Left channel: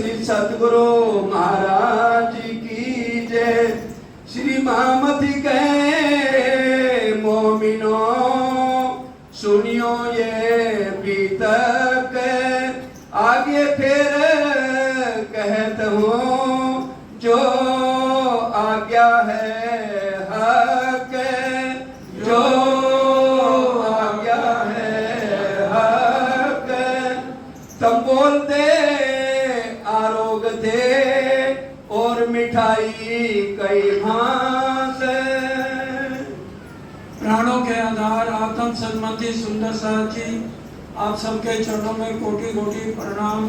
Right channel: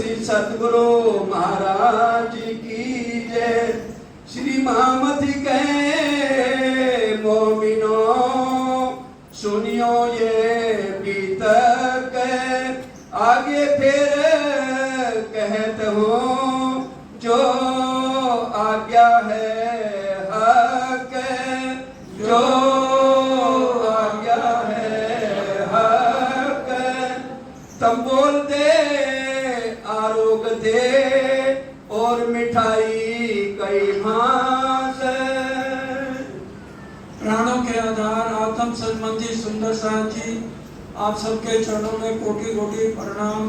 श्री सतगुरु महाराज की जय। श्री महामती कहे मोमिनो सुनियो ये बीतक, आगे फिर कहत हूँ जो आज्ञा है हक, जो आज्ञा है हक। तब बोल दे आरोग दे और मिठाई कई हाथ। प्राणों के आधार आत्म संबंधी सुंदर साहब जी, आप सबके चरणों में कोटि कोटि प्रणाम।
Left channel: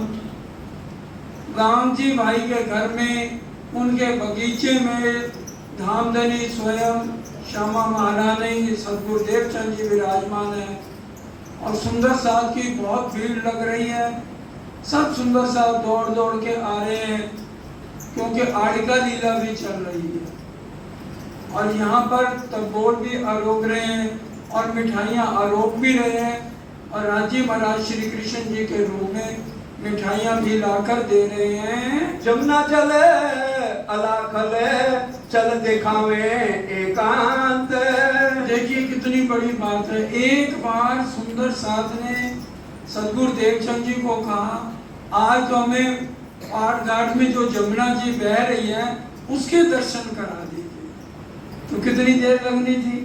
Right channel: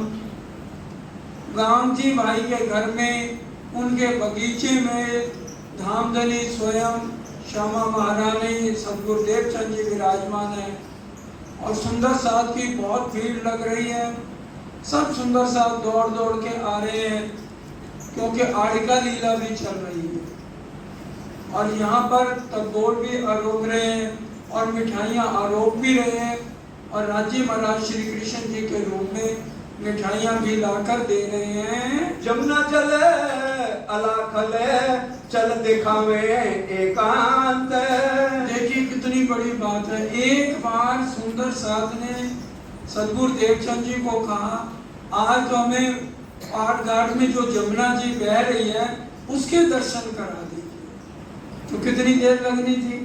राम जी भाई के घर में, उनके बगीचे में धामधनी स्वयं श्यामा महारानी सदगुरुदेव चंद जी विराजमान है और सुंदर साहब की बहुत भीड़ लग रही है। सब सुंदर साहब दौड़ दौड़ के आ रहे हैं क्योंकि आड़िका लीला भी चल रही है और यहाँ पर तबोर भी आरोप रहे हैं और मिठाइयाँ आरोप भी रहे हैं और राज्य महाराज श्री कृष्ण जी के रूप में मिठाइयाँ भी लाकर दे रहे हैं। जमुना चले अलाखले चल दिखावे एकांत। देखिए कितनी बड़ी बात है। एक बार सुंदर साथ ने सदगुरुदेव चंद जी को कहा, आज तो हमें पाट घाट में जो जमुना जी बह रही है उसके दर्शन करा दीजिए। तो कितनी देर लगनी थी।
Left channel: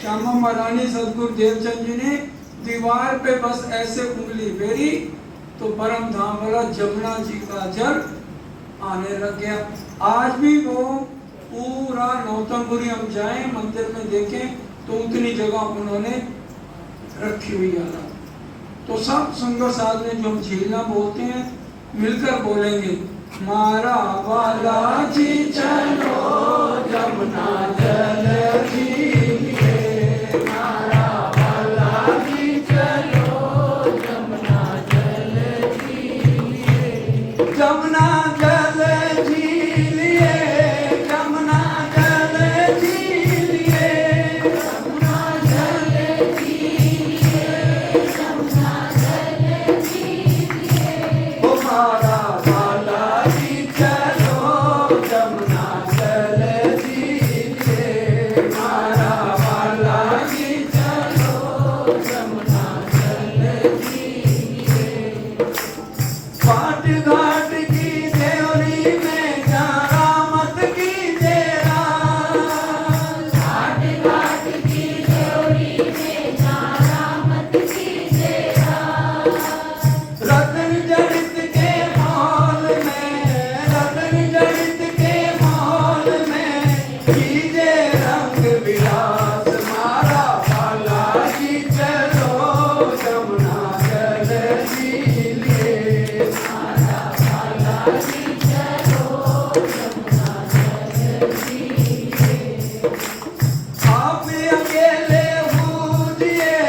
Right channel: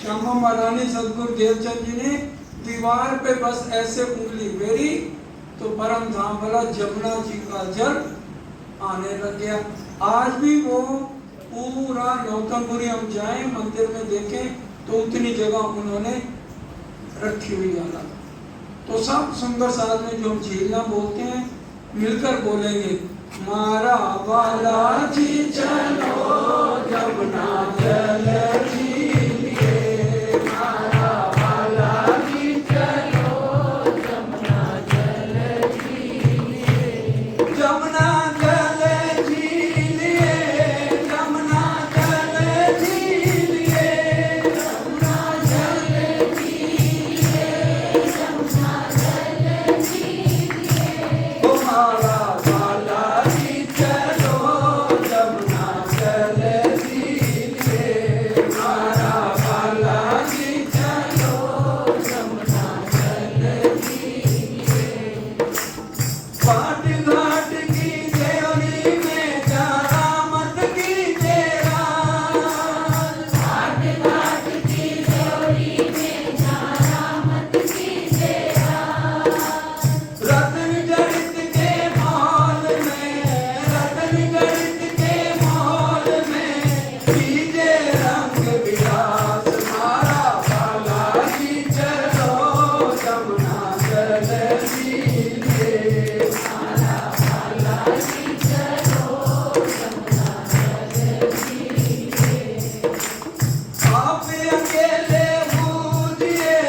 श्यामा महारानी सदगुरुदेव चंद जी ने दीवार पे बस ऐसे उंगली फेरी तो परम धाम वाला जमुना जी का जल आने लग गया। आज भी वो पूरा नौतनपुरी हम जाए मंदिर में देखें तो उतनी जगह उन्होंने रखी हुई है। तो सब सुंदर साथ में जो हम झीलना बोलते हैं मिलकर बोलेंगे, मारा वाला जी चलो जमुना जल झीलिए, मारा वाला जी चलो जमुना जल झीलिए। जमुना जल झीलिए, जमुना जल झीलिए, जमुना जल झीलिए, जमुना जल झीलिए। ओ मारा वाला जी चलो जमुना जल झीलिए, मारा वाला जी चलो जमुना जल झीलिए। पाट घाट की देवरी में जाना मत कीजिएगा, घाट घाट की देवरी में जाना मत कीजिएगा। रतन जड़ित के मॉल में, रतन जड़ित के मॉल में कीजिए रंग विलास। मारा वाला जी चलो जमुना जल झीलिए, मारा वाला जी चलो जमुना जल झीलिए। आप अकेले बूझिए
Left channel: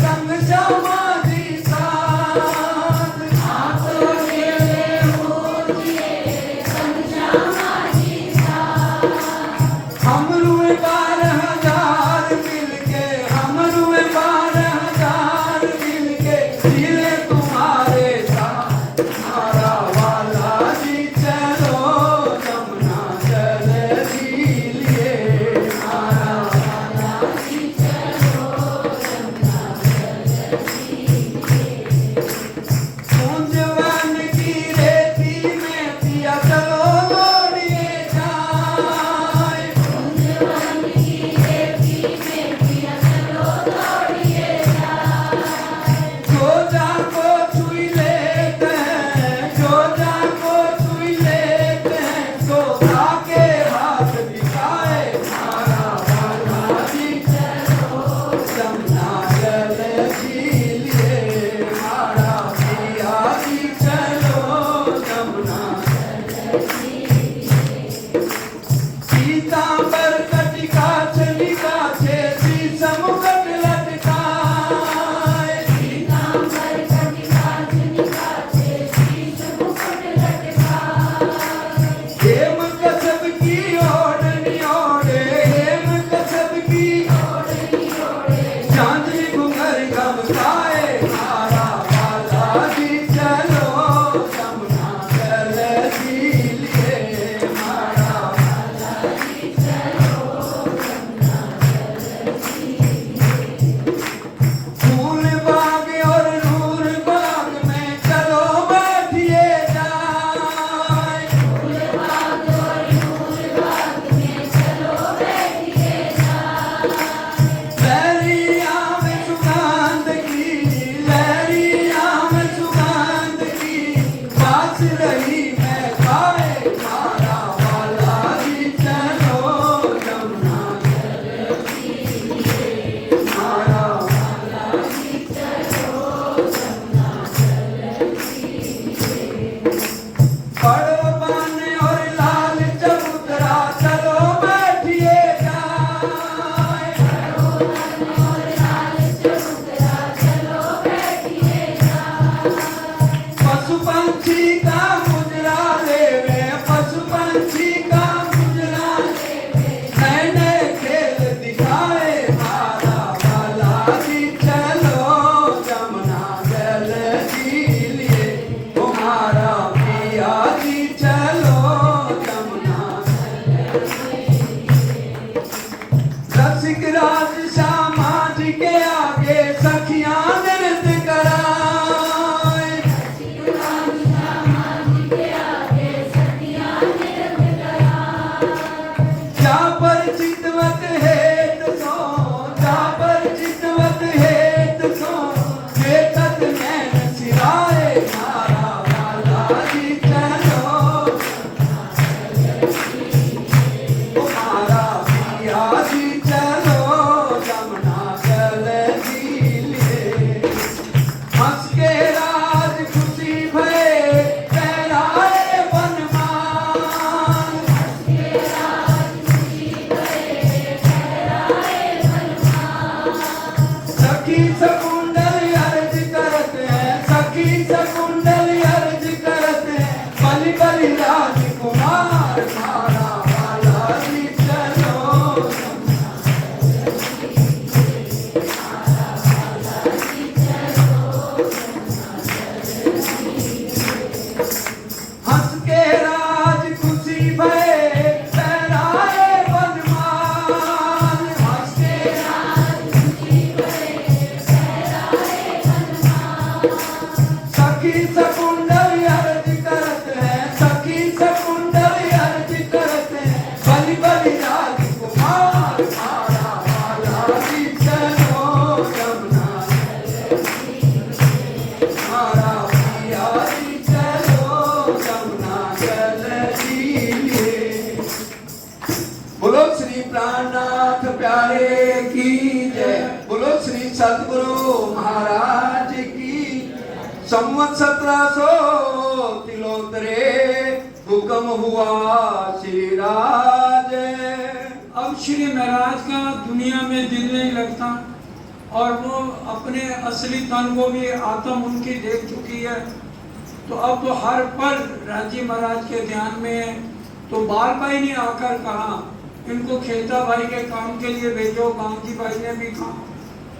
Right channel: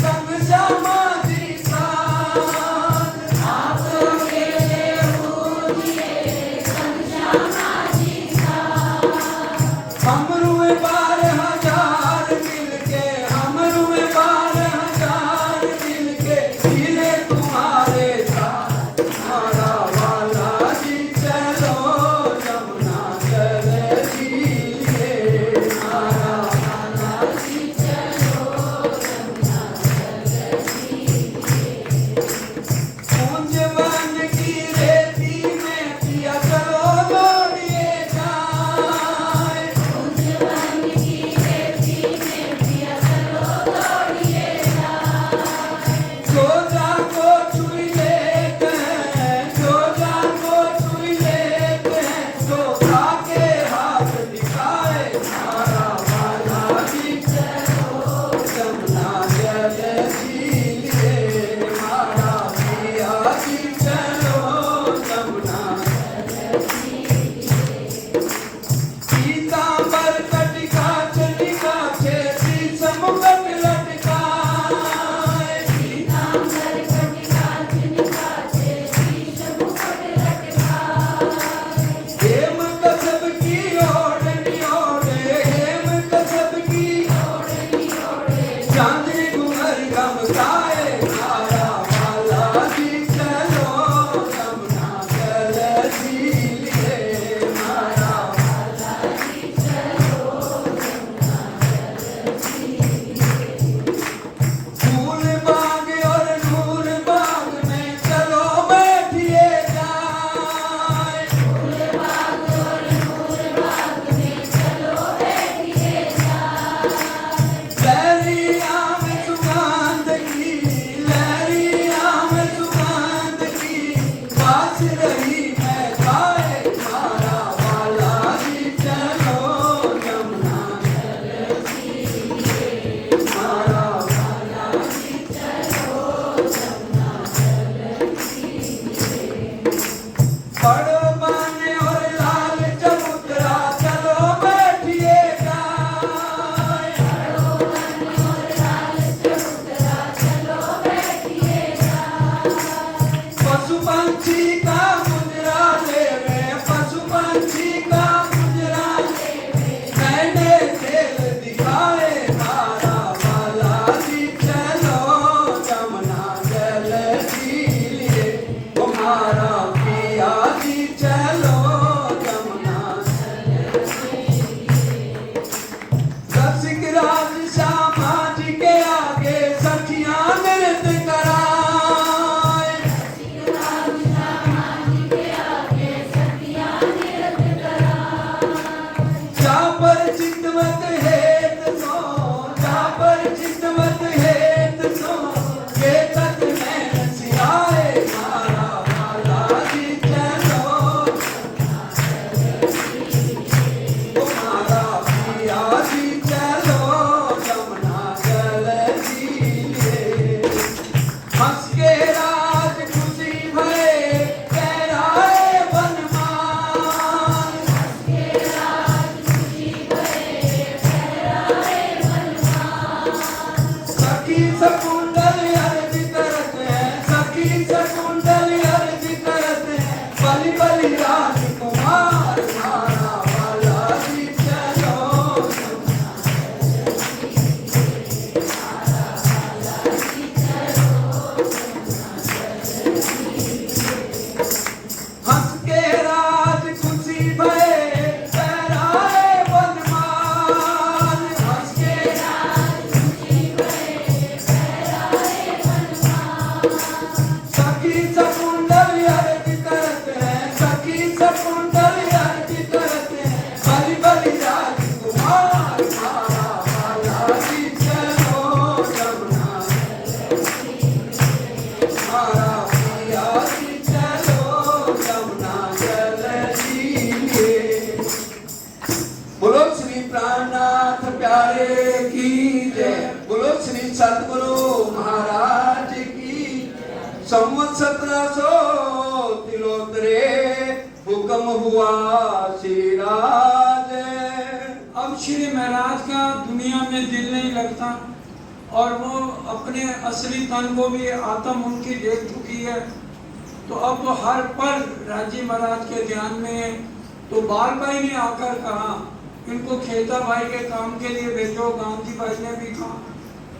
संग समाधि साथ। आप अकेले बूझिए संग श्यामा जी साथ। हम रुए 12,000 मिलके, हम रुए 12,000 मिलके जिले तुम्हारे साथ। मारा वाला जी चलो जमुना जल झीलिए, मारा वाला जी चलो जमुना जल झीलिए। कुंजवन की रेती में पिया चलो दौड़िए जाए। कुंजवन की रसिक राज श्यामा जी के आगे सखियां नृत्य कराए। जा पर चितवत हेत सो, जा पर चितवत हेत सो, के तक नैन सिराए मारा वाला जी चलो। ओ मारा पिया जी चलो, जमुना जल लिए। हंस के राज खुशी भये, पहराए बनमान। सखी सकुंडल अर्ज करत हैं, सखी सकुंडल अर्ज करत हैं, बलि बलि राजकुमार मारा वाला जी चलो। हंस के राज खुशी भये, पहराए बनमान। हंस के सखी सकुंडल अर्ज करत हैं, सखी सकुंडल अर्ज करत हैं, बलि बलि राजकुमार मारा वाला जी चलो। जमुना मारा पिया जी चलो, जमुना जल लिए। बोलो श्री प्राणनाथ प्यारे की जय। बोलो श्री सतगुरु महाराज की। संवत 1700 तिलोत्तरे हुक्म हुआ श्री राज। अब श्री महाराज का दुनिया में दिल नहीं लगता और वो अपने असली तन को भी आत्म उनकी देख चुकी है। तो अब तो हर पल राजी महाराज के ध्यान में है। तो बार भाई ने आकर कहा इनको खेता भाई के काम के लिए भेजो। गांधी भाई ने भी कहा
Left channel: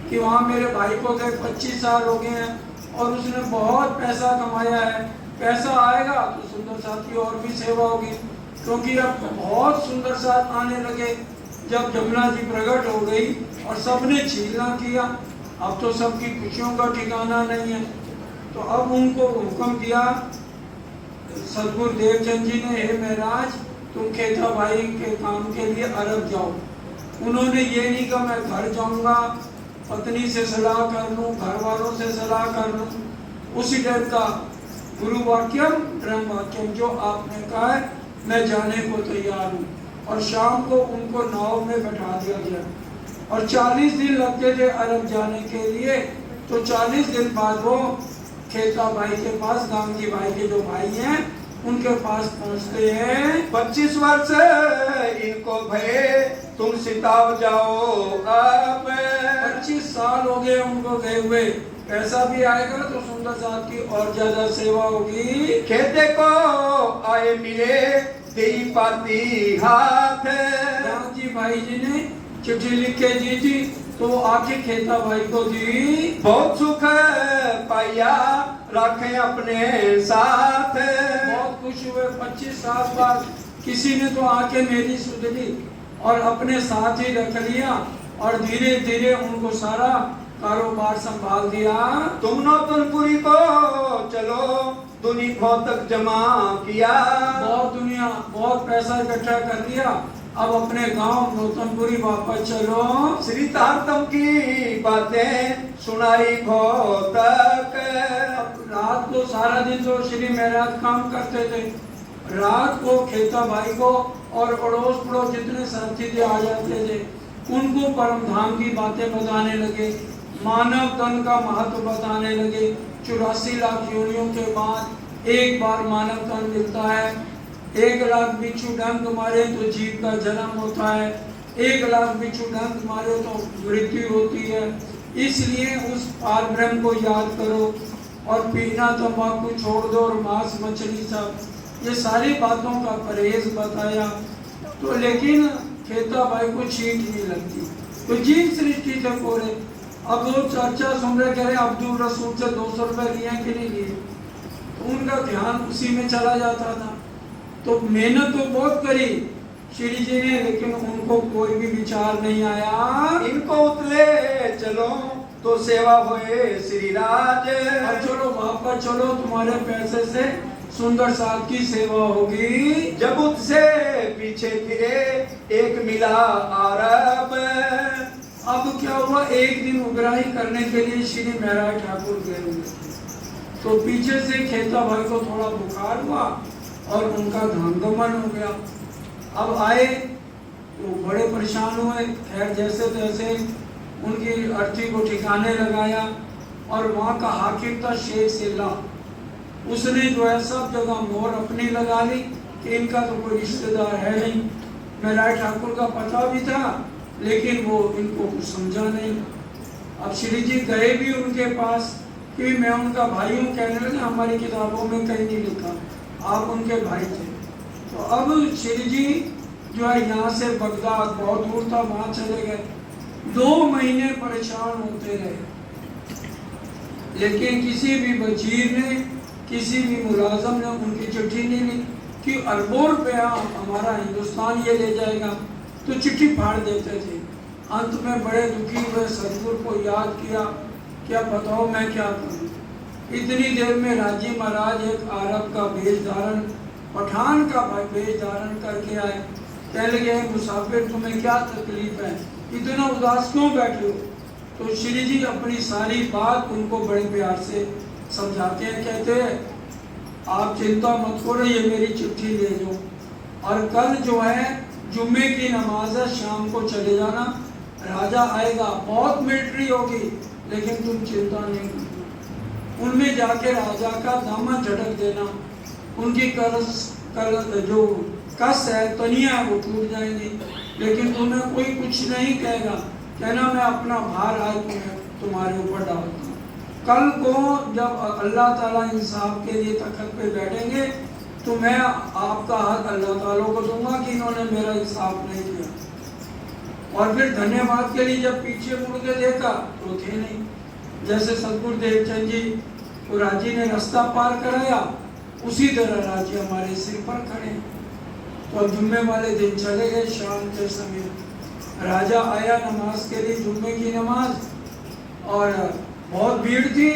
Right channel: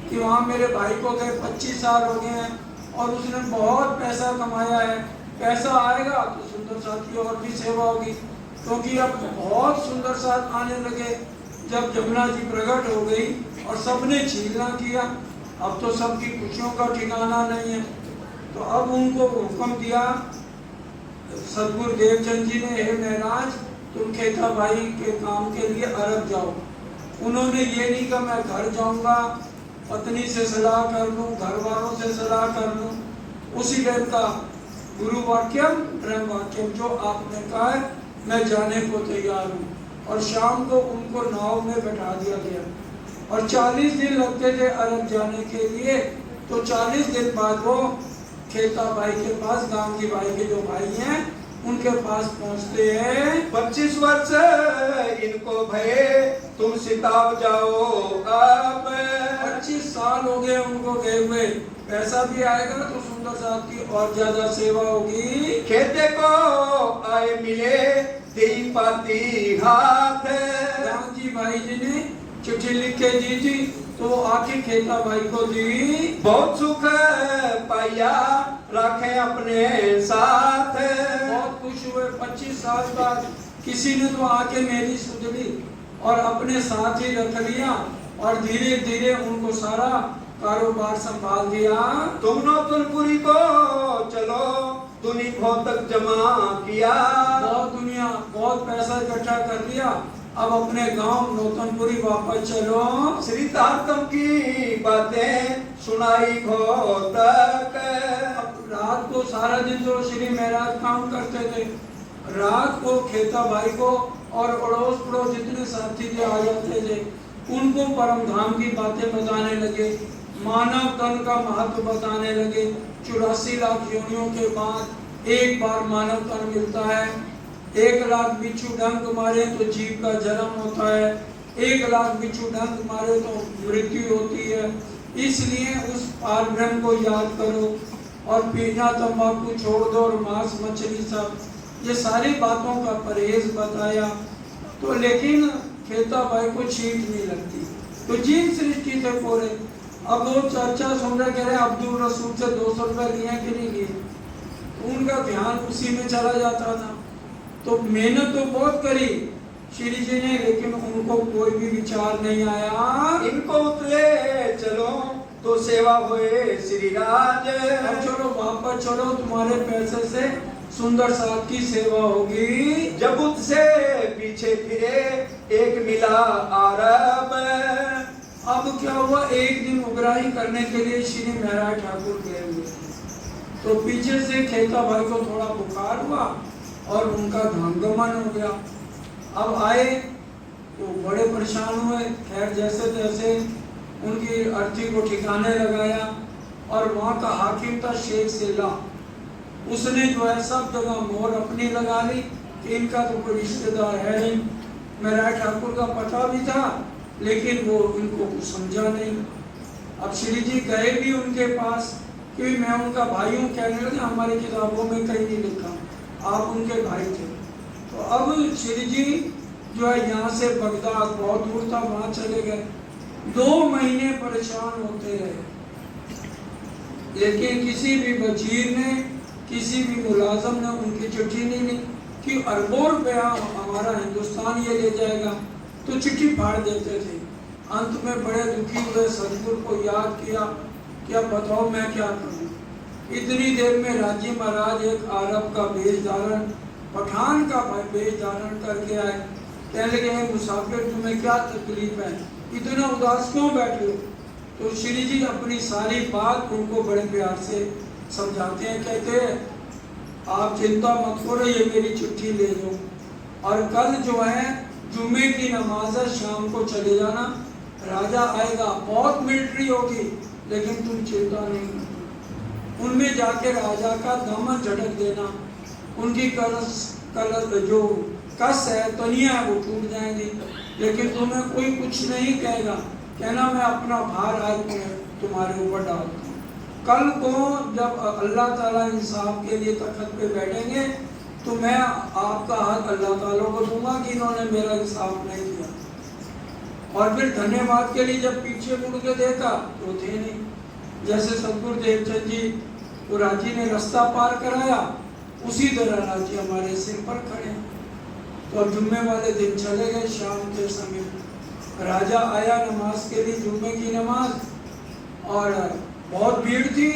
कि वहाँ मेरे भाई को गए 25 साल हो गए हैं और उसने बहुत पैसा कमाया है। पैसा आएगा तो सुंदर साथ की और भी सेवा होगी, क्योंकि अब बहुत सुंदर साथ आने लगे। जब जमुना जी प्रकट हो गई और सबने छीलना किया, अब तो सबकी खुशियों का ठिकाना नहीं है। तो अब उनको हुक्म दिया सदगुरु देवचंद जी ने, हे महाराज तुम खेता भाई के काम के लिए अरब जाओ। उन्होंने ये नहीं कहा मैं घर जाऊंगा, पत्नी से सलाह कर लूं, घर वालों से सलाह कर लूं। उसी टाइम का गुरु वाक्यम ब्रह्म वाक्यम, जो आपने कहा है मैं जाने को तैयार हूँ। और शाम को उनको नाव में बैठा दिया गया और 40 दिन लगते थे अरब जाने के लिए। तो 40 दिन बाद वो खेता भाई के पास, गांधी भाई के जो भाई हैं उनके पास पहुंचते हैं। 25 वर्ष इनको भये, तुम सिताब जाओ अब। 25 साल हो गए उनको गए हुए। पैसा भी आएगा तो सुंदर साथ की और ज्यादा सेवा होगी। खेते को आए मिले, दी पाती हाथ। गांधी भाई जी ने चिट्ठी लिख के दी थी तो वो आके खेता भाई को दी। बहुत सुख पाया, रखे अपने साथ। बहुत खुश हुए। 25 साल बाद किसी ने तो आके मेरी सुध ली और अपने साथ ही रख लिया और धीरे धीरे उनको सारा कारोबार संभाल दिया। तुम नौतनपुरी को चलो, दुनी तक जमा किया। बहुत दुनिया, बहुत पैसा इकट्ठा कर लिया। अब अपने गांव नौतनपुरी वापस चलो। श्री तारतम की बातें सुनाई तक। अब रात को सारा दिन जो श्री महाराज काम करते थे, रात को खेता भाई को और अड़ोस पड़ोस जितने साथी थे आ जाते थे, उनको परम धाम की बातें बताने लगे, मानव तन का महत्व बताने लगे। 84 लाख योनियों के बाद एक बार मानव तन मिलता है। 1 लाख बिच्छू डंक मारे तो जीव का जन्म होता है, 1 लाख बिच्छू डंक मारे तो मृत्यु होती है। इसलिए उस पार ब्रह्म को याद करो और पीना तंबाकू छोड़ दो और मांस मछली सब, ये सारी बातों का परहेज बताया। तो लेकिन खेता भाई को चीट नहीं लगती, तो जीव सृष्टि थे पूरे। अब वो चर्चा सुन रहे, कह रहे अब्दुल रसूल से 200 रुपए लिए कि नहीं लिए, तो उनका ध्यान उसी में चला जाता था। तो मेहनत तो बहुत करी श्री जी ने, लेकिन उनको कोई भी विचार नहीं आया को उतरे चलो तो सेवा हुए श्री राज। अब चलो वापस चलो, तुम्हारे पैसे से सुंदर साथ की सेवा होगी। जब उससे पीछे फिरे एक मिला आरब। अब क्या हुआ, एक दिन उगराही करने के लिए श्री महाराज ठाकुर गए हुए थे, तो पीछे से खेता भाई को थोड़ा बुखार हुआ और उनका धांगमन हो गया। अब आए तो बड़े परेशान हुए। खैर जैसे तैसे उनकी अर्थी को ठिकाने लगाया, और वहाँ का हाकिम था शेख सिल्ला, उसने जो है सब जगह मोहर अपनी लगा ली कि इनका तो कोई रिश्तेदार है नहीं। महाराज ठाकुर का पता भी था, लेकिन वो इनको कुछ समझा नहीं। अब श्री जी गए भी उनके पास, क्योंकि मैं उनका भाई हूँ, कहने लगे हमारी किताबों में कहीं नहीं लिखा, आप उनके भाई थे। तो अब श्री जी जो है यहाँ से बगदाद बहुत दूर था, वहाँ चले गए। 2 महीने परेशान होते रहे, लेकिन किसी भी वजीर ने, किसी भी मुलाजम ने उनकी चिट्ठी नहीं ली कि अरबों रुपया हमारा हिंदुस्तान ये ले जाएगा, तो चिट्ठी फाड़ देते थे। अंत में बड़े दुखी हुए, सदगुरु को याद किया, क्या बताओ मैं क्या करूं। इतनी देर में राजी महाराज एक अरब का वेश धारण, पठान का वेश धारण करके आए। कहने लगे मुसाफिर तुम्हें क्या तकलीफ है, इतना उदास क्यों बैठे हो। तो श्री जी अपनी सारी बात उनको बड़े प्यार से समझाते हैं। कहते हैं आप चिंता मत करो, ये मेरी चिट्ठी ले लो, और कल जो है जुम्मे की नमाज है, शाम को चले जाना, राजा आएगा, बहुत मिलिट्री होगी, लेकिन तुम चिंता नहीं करो। उनमें जाके राजा का दामन झटक देना, उनकी जो कस है, तनिया है, वो टूट जाएंगी, लेकिन तुम्हें कोई कुछ नहीं कहेगा। कहना मैं अपना भार आज तुम्हारे ऊपर डालता हूँ। कल को जब अल्लाह ताला इंसाफ के लिए तख्त पे बैठेंगे, तो मैं आपका हक अल्लाह ताला को दूंगा कि इन्होंने मेरा इंसाफ नहीं किया। और फिर धन्यवाद के लिए जब पीछे मुड़ के देखा तो थे नहीं। जैसे सदगुरु देवचंद जी को राजी ने रास्ता पार कराया, उसी तरह राजी हमारे सिर पर खड़े। तो अब जुम्मे वाले दिन चले गए, शाम के समय राजा आया नमाज के लिए, जुम्मे की नमाज, और बहुत भीड़ थी,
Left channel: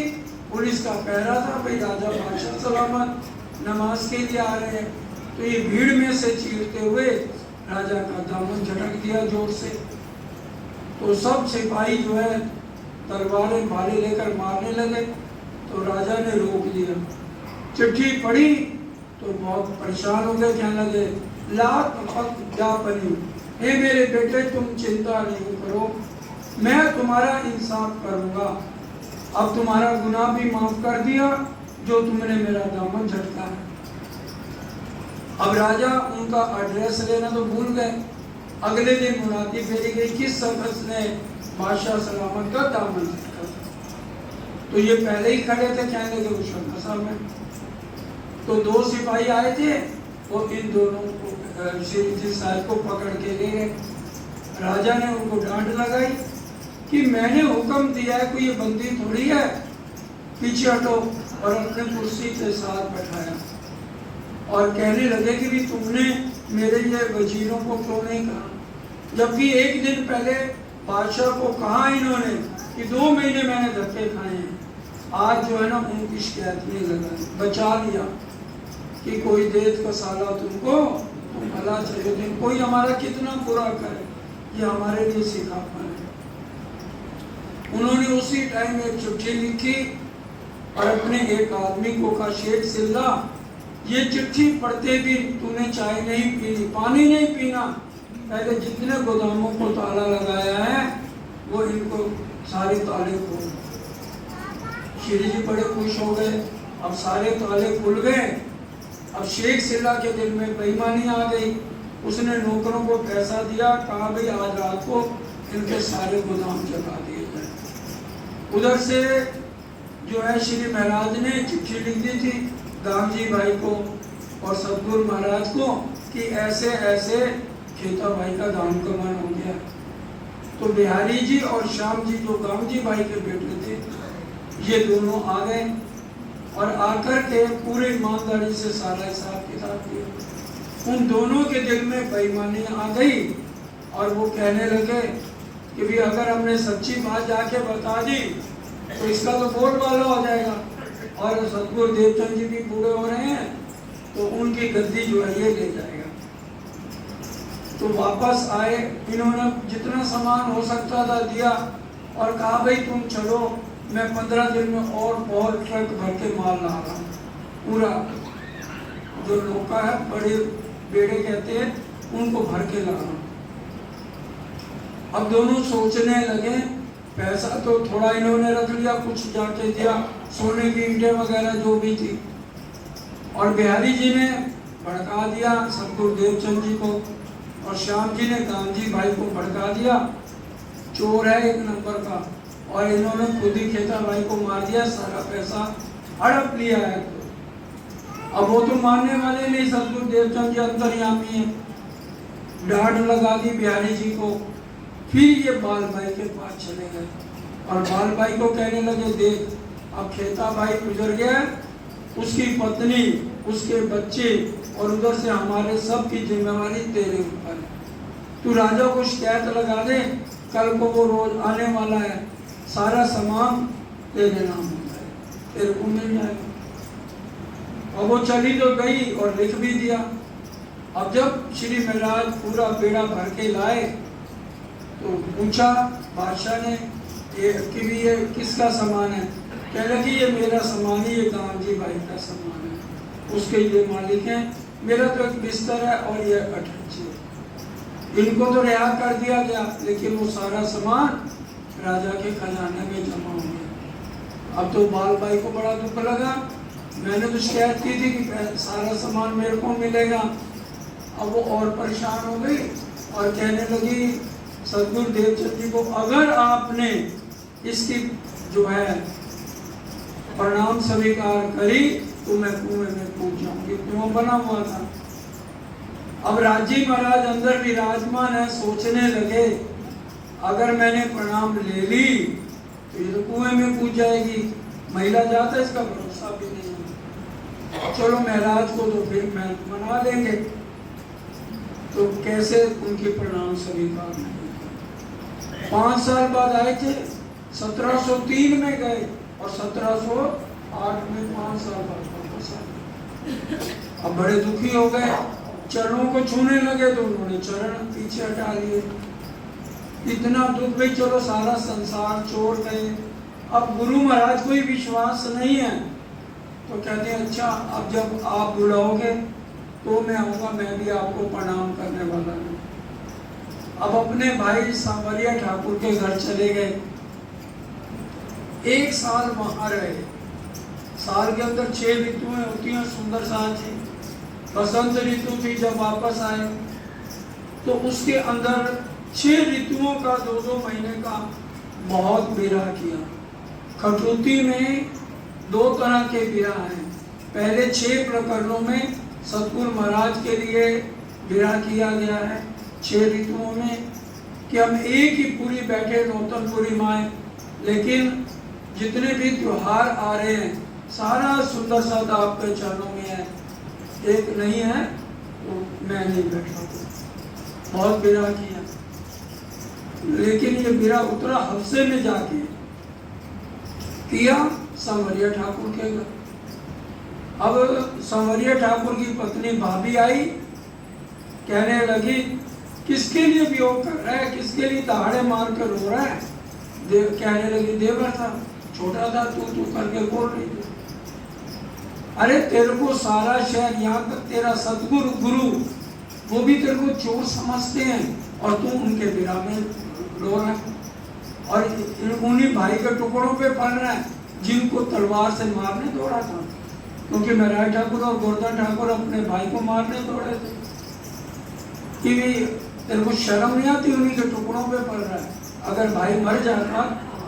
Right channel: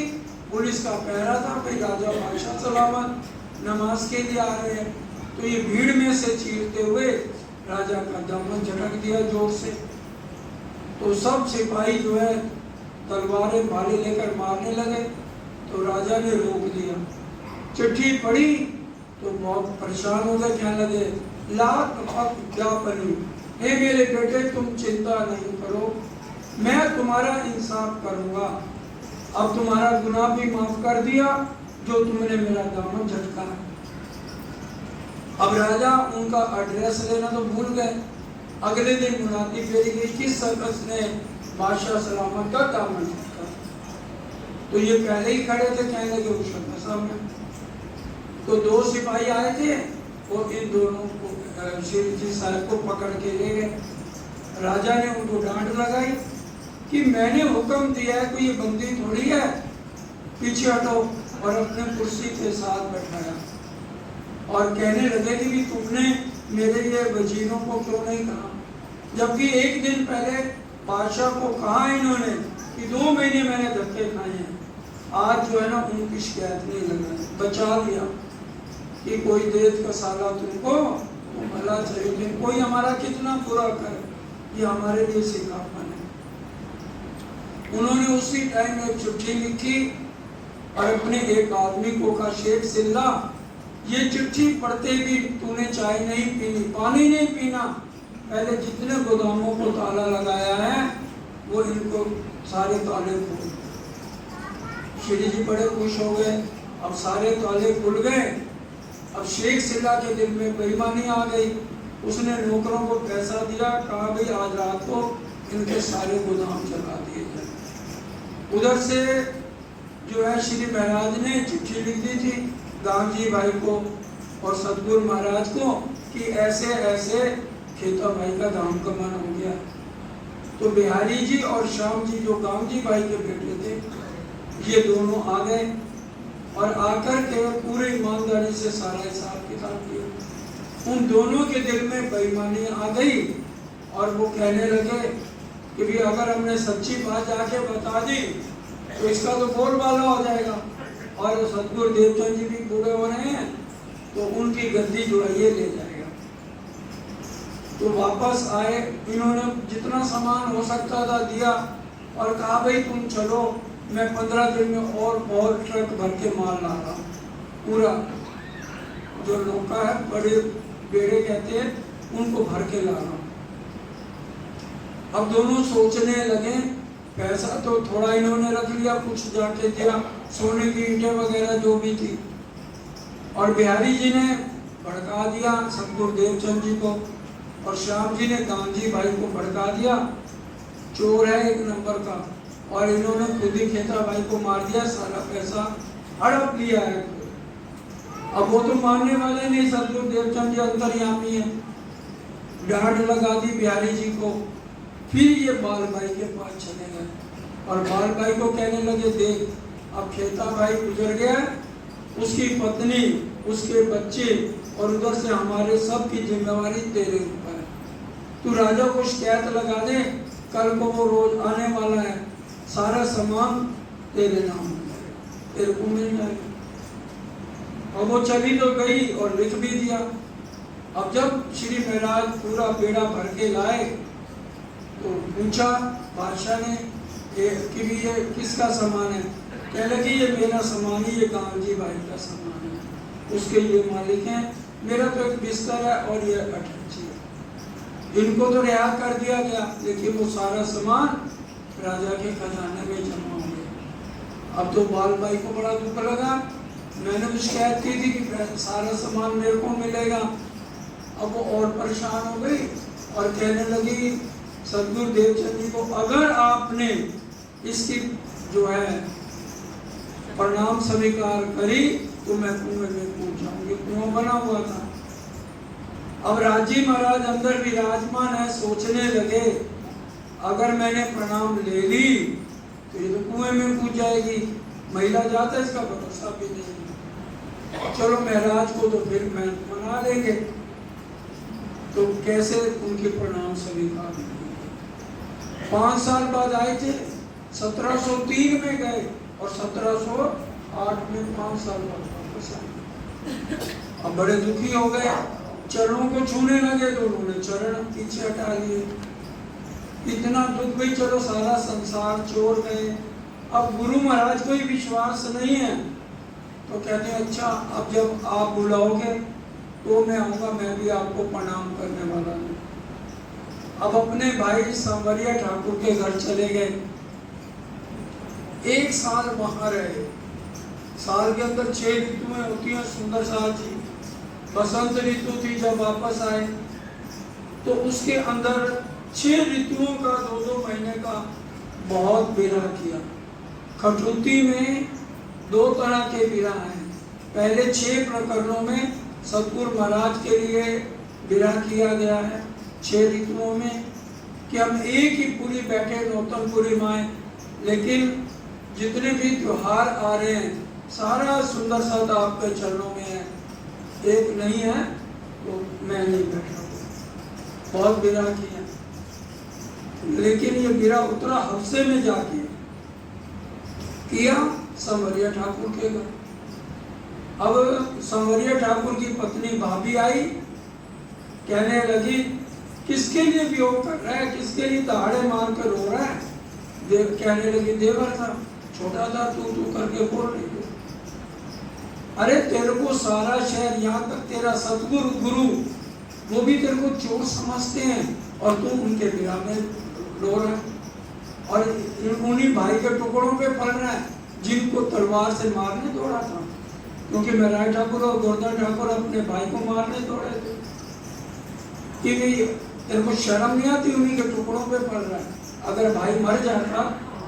पुलिस का पहरा था, भाई राजा बादशाह सलामत नमाज के लिए आ रहे हैं। तो ये भीड़ में से चीरते हुए राजा का दामन झटक दिया जोर से। तो सब सिपाही जो है तलवारें भाले लेकर मारने लगे, तो राजा ने रोक दिया। चिट्ठी पढ़ी तो बहुत परेशान हो गए, कहने लगे लात फक जा बनी, हे मेरे बेटे तुम चिंता नहीं करो, मैं तुम्हारा इंसाफ करूंगा। अब तुम्हारा गुनाह भी माफ कर दिया जो तुमने मेरा दामन झटका है। अब राजा उनका एड्रेस लेना तो भूल गए। अगले दिन मुनादी फेरी गई, किस शख्स ने बादशाह सलामत का दामन झटका। तो ये पहले ही खड़े थे, कहने लगे उस शख्स में। तो 2 सिपाही आए थे, वो इन दोनों को श्री साहब को पकड़ के ले गए। राजा ने उनको डांट लगाई कि मैंने हुक्म दिया है, कोई ये बंदी थोड़ी है, पीछे हटो, और अपने कुर्सी के साथ बैठाया। और कहने लगे कि भी तुमने मेरे ये वजीरों को क्यों नहीं कहा, जबकि एक दिन पहले बादशाह को कहा इन्होंने कि 2 महीने मैंने धक्के खाए हैं। आज जो है ना उनकी शिकायत नहीं लगा, बचा लिया कि कोई देत का साला तुमको, तुम भला चाहिए, दिन कोई हमारा कितना बुरा करे, ये हमारे लिए सिखापन है। उन्होंने उसी टाइम एक चिट्ठी लिखी और अपने एक आदमी को कहा, शेख सिल्ला ये चिट्ठी पढ़ते भी तूने चाय नहीं पीनी, पानी नहीं पीना, पहले जितने गोदामों को ताला लगाया है वो इनको सारे ताले खोल। श्री जी बड़े खुश हो गए, अब सारे ताले खुल गए। अब शेख सिल्ला के दिल में बेईमानी आ गई, उसने नौकरों को पैसा दिया, कहा भाई आज रात को इनके सारे गोदाम जला दिए जाए। उधर से जो है श्री महाराज ने चिट्ठी लिख दी थी गांधी भाई को और सतगुरु महाराज को कि ऐसे ऐसे खेता भाई का दामगमन हो गया। तो बिहारी जी और श्याम जी जो गांधी भाई के बेटे थे, ये दोनों आ गए और आकर के पूरे ईमानदारी से सारा हिसाब किताब किया। उन दोनों के दिल में बेईमानी आ गई और वो कहने लगे कि भी अगर हमने सच्ची बात जाके बता दी तो इसका तो बोलबाला हो जाएगा। और सतगुरु देवचंद जी भी बूढ़े हो रहे हैं तो उनकी गद्दी जो है ये ले जाएगा। तो वापस आए, इन्होंने जितना सामान हो सकता था दिया और कहा भाई तुम चलो, मैं 15 दिन में और ट्रक भर के माल ला रहा हूँ। पूरा जो लोका है, बड़े बेड़े कहते हैं, उनको भर के ला रहा हूँ। अब दोनों सोचने लगे, पैसा तो थोड़ा इन्होंने रख लिया, कुछ जाके दिया, सोने की ईंटें वगैरह जो भी थी। और बिहारी जी ने भड़का दिया सतगुरु देवचंद जी को, और श्याम जी ने गांधी भाई को भड़का दिया, चोर है एक नंबर का। और इन्होंने खुद ही खेता भाई को मार दिया, सारा पैसा हड़प लिया है। अब वो तो मारने वाले नहीं, सतगुरु देवचंद जी अंतर्यामी है। डांट लगा दी बिहारी जी को। फिर ये बाल भाई के पास चले गए और बाल भाई को कहने लगे, देख अब खेता भाई गुजर गया, उसकी पत्नी, उसके बच्चे और उधर से हमारे सब की जिम्मेवारी तेरे ऊपर है। तू राजा को शिकायत लगा दे, कल को वो रोज आने वाला है, सारा सामान तेरे नाम होगा, तेरे को मिल जाएगा। और वो चली तो गई और लिख भी दिया। अब जब श्री महाराज पूरा बेड़ा भर के लाए तो पूछा बादशाह ने कि भी ये किसका सामान है? कहने लगे ये मेरा सामान ही, ये गांधी भाई का सामान है, उसके ये मालिक हैं, मेरा तो एक बिस्तर है और ये अटैची है। इनको तो रिहा कर दिया गया, लेकिन वो सारा सामान राजा के खजाने में जमा हो गया। अब तो बाल भाई को बड़ा दुख लगा, मैंने तो शिकायत की थी कि सारा सामान मेरे को मिलेगा। अब वो और परेशान हो गई और कहने लगी सतगुरु देवचंद जी को, अगर आपने इसकी जो है प्रणाम स्वीकार करी तो मैं कुएं में कूद जाऊंगी। कुआं बना हुआ था। अब राजी महाराज अंदर विराजमान है, सोचने लगे अगर मैंने प्रणाम ले ली तो ये तो कुएं में कूद जाएगी, महिला जाता है, इसका भरोसा भी नहीं। चलो महाराज को तो फिर मैं मना लेंगे। तो कैसे उनके प्रणाम स्वीकार 5 साल बाद आए थे, 1703 में गए और 1708 में 5 साल बाद वापस आए। अब बड़े दुखी हो गए, चरणों को छूने लगे तो उन्होंने चरण पीछे हटा लिए। इतना दुख भी, चलो सारा संसार छोड़ गए। अब गुरु महाराज को ही विश्वास नहीं है तो कहते हैं अच्छा अब जब आप बुलाओगे तो मैं आऊंगा, मैं भी आपको प्रणाम करने वाला हूँ। अब अपने भाई सांवरिया ठाकुर के घर चले गए। 1 साल वहां रहे। साल के अंदर 6 ऋतुएं होती हैं, सुंदर साथ जी। बसंत ऋतु थी जब वापस आए तो उसके अंदर 6 ऋतुओं का 2-2 महीने का बहुत विरह किया। खटुती में 2 तरह के विरह हैं। पहले 6 प्रकरणों में सतगुरु महाराज के लिए विरह किया गया है 6 ऋतुओं में, कि हम एक ही पूरी बैठे नौतनपुरी माए, लेकिन जितने भी त्योहार आ रहे हैं सारा सुंदर साथ आपके चरणों में है, एक नहीं है तो मैं नहीं बैठा। बहुत विरह किया, लेकिन ये विरह उतरा हफ्ते में जाके किया सांवरिया ठाकुर के घर। अब सांवरिया ठाकुर की पत्नी भाभी आई, कहने लगी किसके लिए वियोग कर रहा है, किसके लिए दहाड़े मार कर रो रहा है? कहने लगी देवर था, छोटा था, तू करके बोल रही थी। अरे तेरे को सारा शहर, यहाँ तक तेरा सतगुरु गुरु वो भी तेरे को चोर समझते हैं और तू उनके विरह में रो रहा है और उन्हीं भाई के टुकड़ों पे पल रहा है जिनको तलवार से मारने दौड़ा था, क्योंकि महाराज ठाकुर और गोवर्धन ठाकुर अपने भाई को मारने दौड़े थे। कि तेरे को शर्म नहीं आती, उन्हीं के टुकड़ों पे पड़ रहा है। अगर भाई मर जाता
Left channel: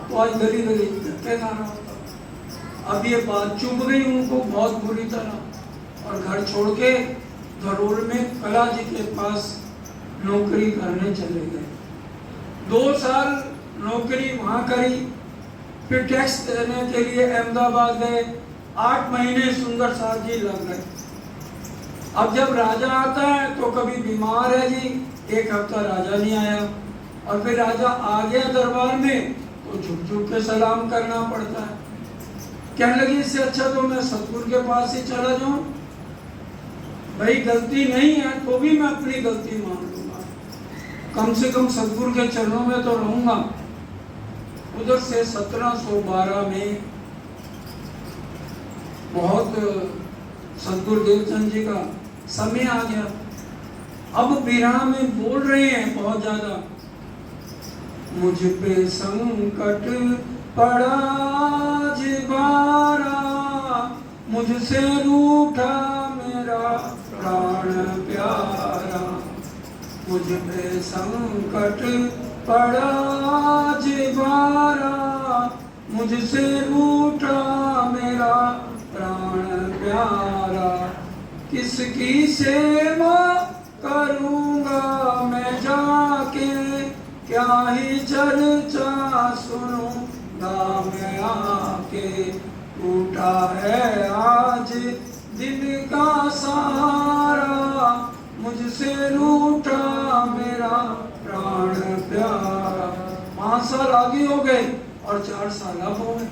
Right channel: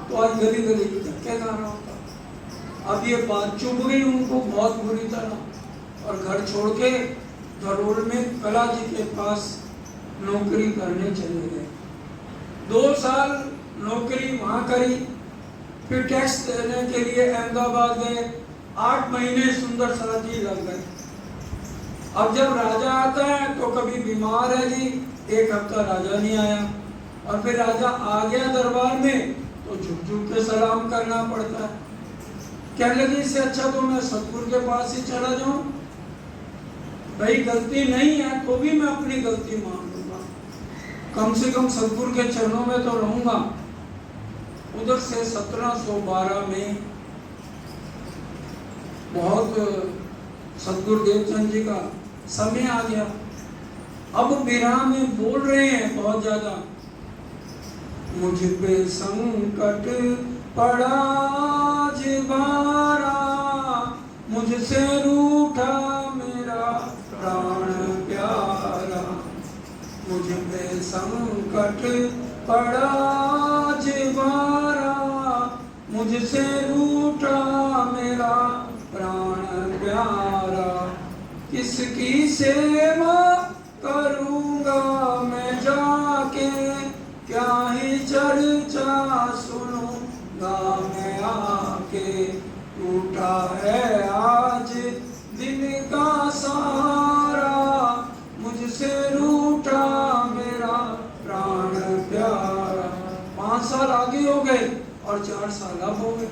तो आज गली गली में धक्के खा रहा होता। अब ये बात चुभ गई उनको बहुत बुरी तरह, और घर छोड़ के जरूर में कला जी के पास नौकरी करने चले गए। 2 साल नौकरी वहां करी, फिर टैक्स देने के लिए अहमदाबाद गए। 8 महीने सुंदर साथ जी लग गए। अब जब राजा आता है तो कभी बीमार है जी, 1 हफ्ता राजा नहीं आया और फिर राजा आ गया दरबार में तो झुक झुक के सलाम करना पड़ता है। कहने लगे इससे अच्छा तो मैं सतगुरु के पास ही चला जाऊं, भाई गलती नहीं है तो भी मैं अपनी गलती मान लूंगा, कम से कम सतगुरु के चरणों में तो रहूंगा। उधर से 1712 में बहुत सतगुरु देवचंद जी का समय आ गया। अब बिरहा में बोल रहे हैं बहुत ज्यादा, मुझ पे संकट पड़ा जिबारा, मुझसे रूठा मेरा प्राण प्यारा, मुझ पे संकट पड़ा जिबारा, मुझसे रूठा मेरा प्राण प्यारा, किसकी सेवा करूंगा मैं जाके, क्या ही चर्चा सुनूंगा मैं आके, टूटा है आज दिल का सारा, मुझसे रूठा मेरा प्राण प्यारा। 5 साल आगे हो गए और 4 साल अब हो गए,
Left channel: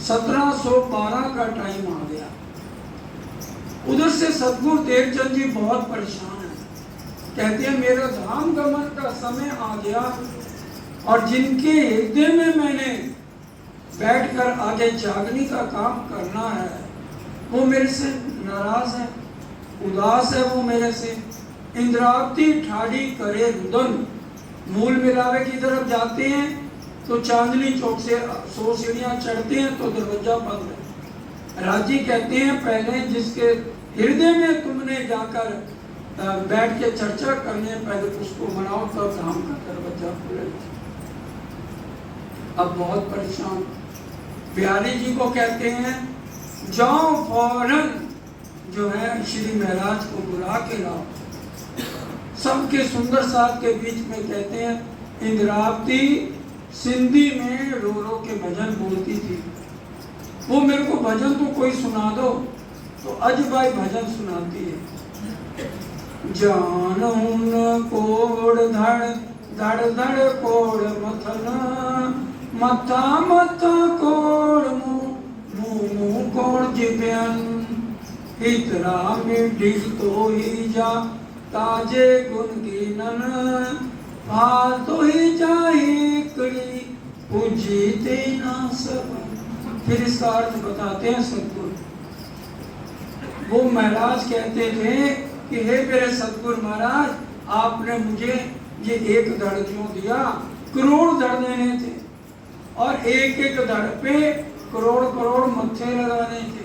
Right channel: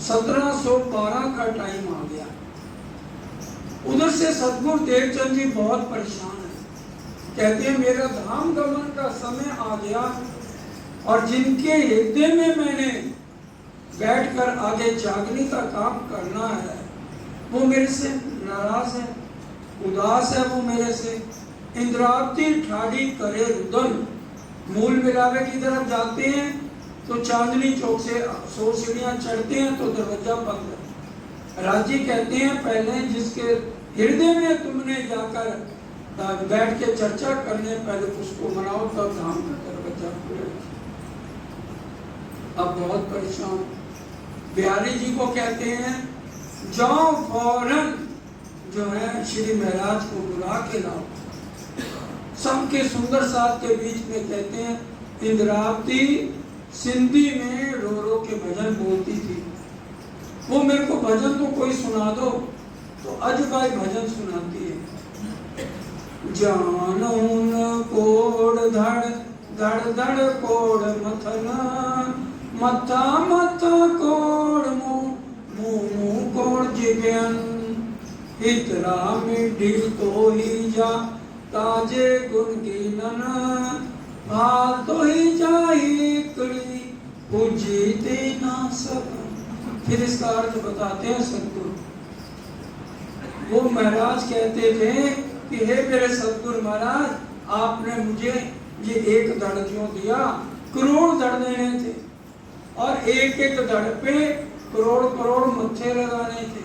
1712 का टाइम आ गया। उधर से सतगुरु देवचंद जी बहुत परेशान है, कहते हैं मेरा धाम गमन का समय आ गया और जिनके हृदय में मैंने बैठकर आगे जागने का काम करना है वो मेरे से नाराज है, उदास है वो मेरे से। इंद्रावती ठाड़ी करे रुदन, मूल मिलावे की तरफ जाते हैं तो चांदनी चौक से 100 सीढ़ियां चढ़ते हैं तो दरवाजा बंद है। राजी कहते हैं पहले जिसके हृदय में तुमने जाकर बैठ के चर्चा करने, पहले उसको बनाओ तब धाम का दरवाजा खुलेगा। अब बहुत परेशान बिहारी जी को कहते हैं जाओ फौरन जो है श्री महाराज को बुला के लाओ। सबके सुंदर साथ के बीच में कहते हैं इंद्रावती सिंधी में रो रो के भजन बोलती थी, वो मेरे को भजन तो कोई सुना दो, तो अजबाई भजन सुनाती है। जानून कोड़ धड़ धड़ धड़ कोड़ मथना, मथा मथा कोड़ मुंह मुंह कोड़ जिब्यन, इतरा मिठी तो ही जा ताजे गुण गिनन, हार तो ही जाही करी पूजीते ना सब। फिर इसका अर्थ बताते हैं सतगुरु। वो महाराज कहते थे कि हे मेरे सतगुरु महाराज, आपने मुझे ये एक धड़ क्यों दिया, करोड़ धड़ देने थे और एक एक धड़ पे करोड़ करोड़ मत्थे लगाने थे,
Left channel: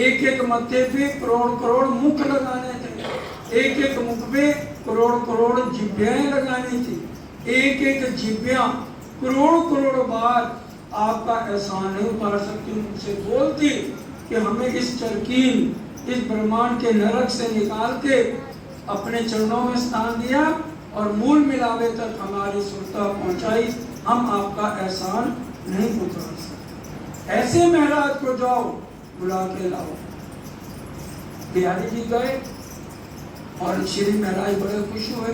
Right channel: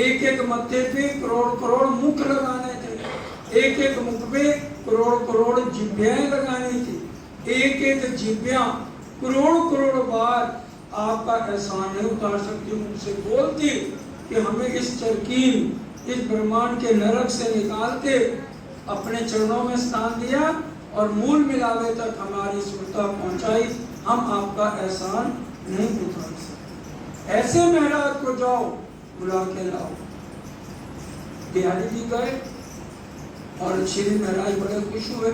एक एक मत्थे पे करोड़ करोड़ मुख लगाने थे, एक एक मुख पे करोड़ करोड़ जिभ्याएं लगानी थी, एक एक जिभ्या करोड़ करोड़ बार आपका एहसान नहीं उतार सकती, मुझसे बोलती कि हमें इस चरकीन इस ब्रह्मांड के नरक से निकाल के अपने चरणों में स्थान दिया और मूल मिलावे तक हमारी सुरता पहुंचाई, हम आपका एहसान नहीं उतार सकते। ऐसे महाराज को जाओ बुला के लाओ। बिहारी जी गए और श्री महाराज बड़े खुश हुए,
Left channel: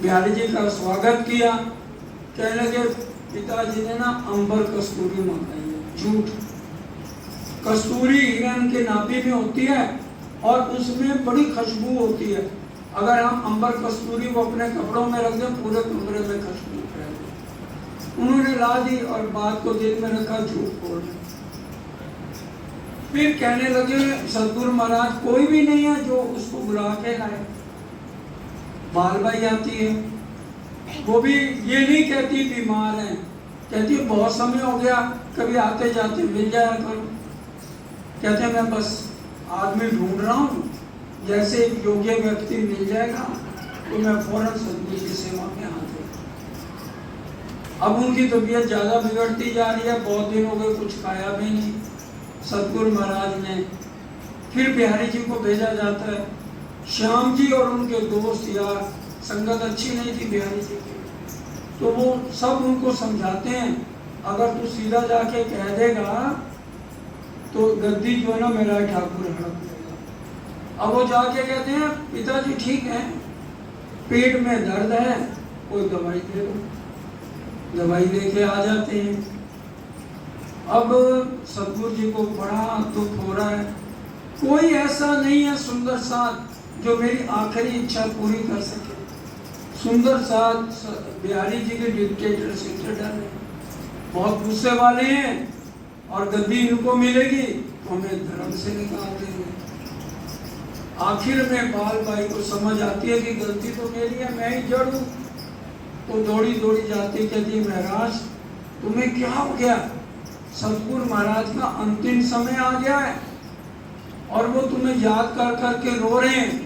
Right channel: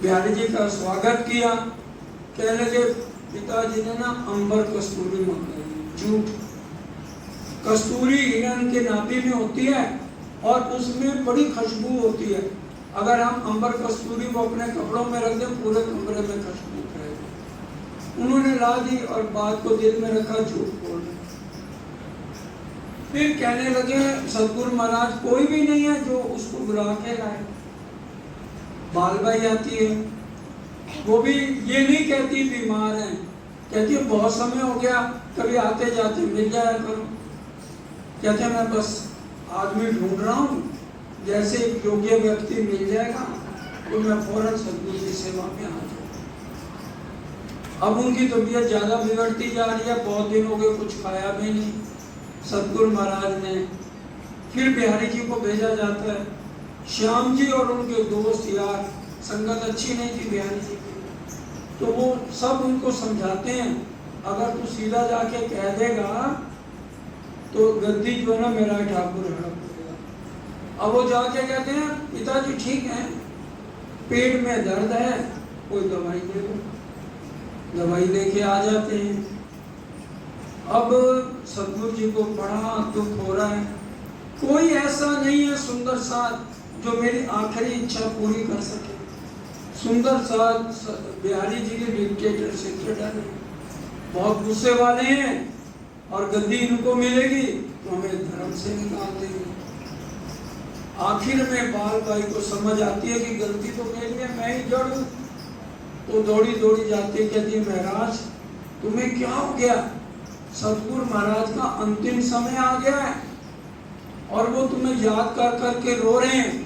बिहारी जी का स्वागत किया। कहने लगे पिताजी ने ना अंबर कस्तूरी मंगाई, झूठ। कस्तूरी हिरण के नाभि में होती है और उसमें बड़ी खुशबू होती है, अगर हम अंबर कस्तूरी को अपने कपड़ों में रख दें पूरे कमरे में खुशबू रहेगी। उन्होंने ला दी और बात को दिल में रखा, झूठ बोल रहे। फिर कहने लगे सतगुरु महाराज कोई भी नहीं है जो उसको बुला के लाए। बालबाई आती है, वो भी ये नहीं कहती बीमार है, कहती बहुत समय हो गया, कभी आते जाते मिल जाया करो। कहते हैं मैं बस आदमी ढूंढ रहा हूँ, जैसे एक योग्य व्यक्ति मिल जाएगा तो मैं फौरन सतगुरु की सेवा में हाथ जोड़ूंगा। अब उनकी तबीयत ज्यादा बिगड़ती जा रही है, बहुत दिन हो गए कुछ खाया भी नहीं। सतगुरु महाराज ने फिर बिहारी जी को भेजा जाता है। श्याम जी और उनके दोस्त यार, संगत अच्छी नहीं थी बिहारी जी की, तो वो सब उनको समझाते हैं अगर तू सीधा जाके कह देगा तो गद्दी जो है ना मेरा ठाकुर हड़प लेगा। अब वो जाके कहते हैं पिताजी ठीक है, पेट में दर्द है, कोई दवाई दे दो। दवाई लेके आ जाते हैं। अब सतगुरु जी को बड़ा दुख हो रहा है, कोई ऐसा नहीं है सुंदर साथ जो मेरी आखिरी इच्छा पूरी कर सके। सुंदर साथ बिहारी जी के डिक्टेटर सेक्रेटरी हैं, बहुत गुस्से वाले हैं, और गद्दी इनको मिलेगी तो हमें धर्म से निकाल देंगे। आखिर में बाल भाई को समझ आती है कि गलती तो मेरी है, मैं ही जड़ हूं, तो दौड़ी दौड़ी जाती है, कहती है महाराज तुम्हें क्या हो गया? सतगुरु महाराज का अंतिम समय आ गया है और वो तुम्हें याद कर करके रो रहे हैं।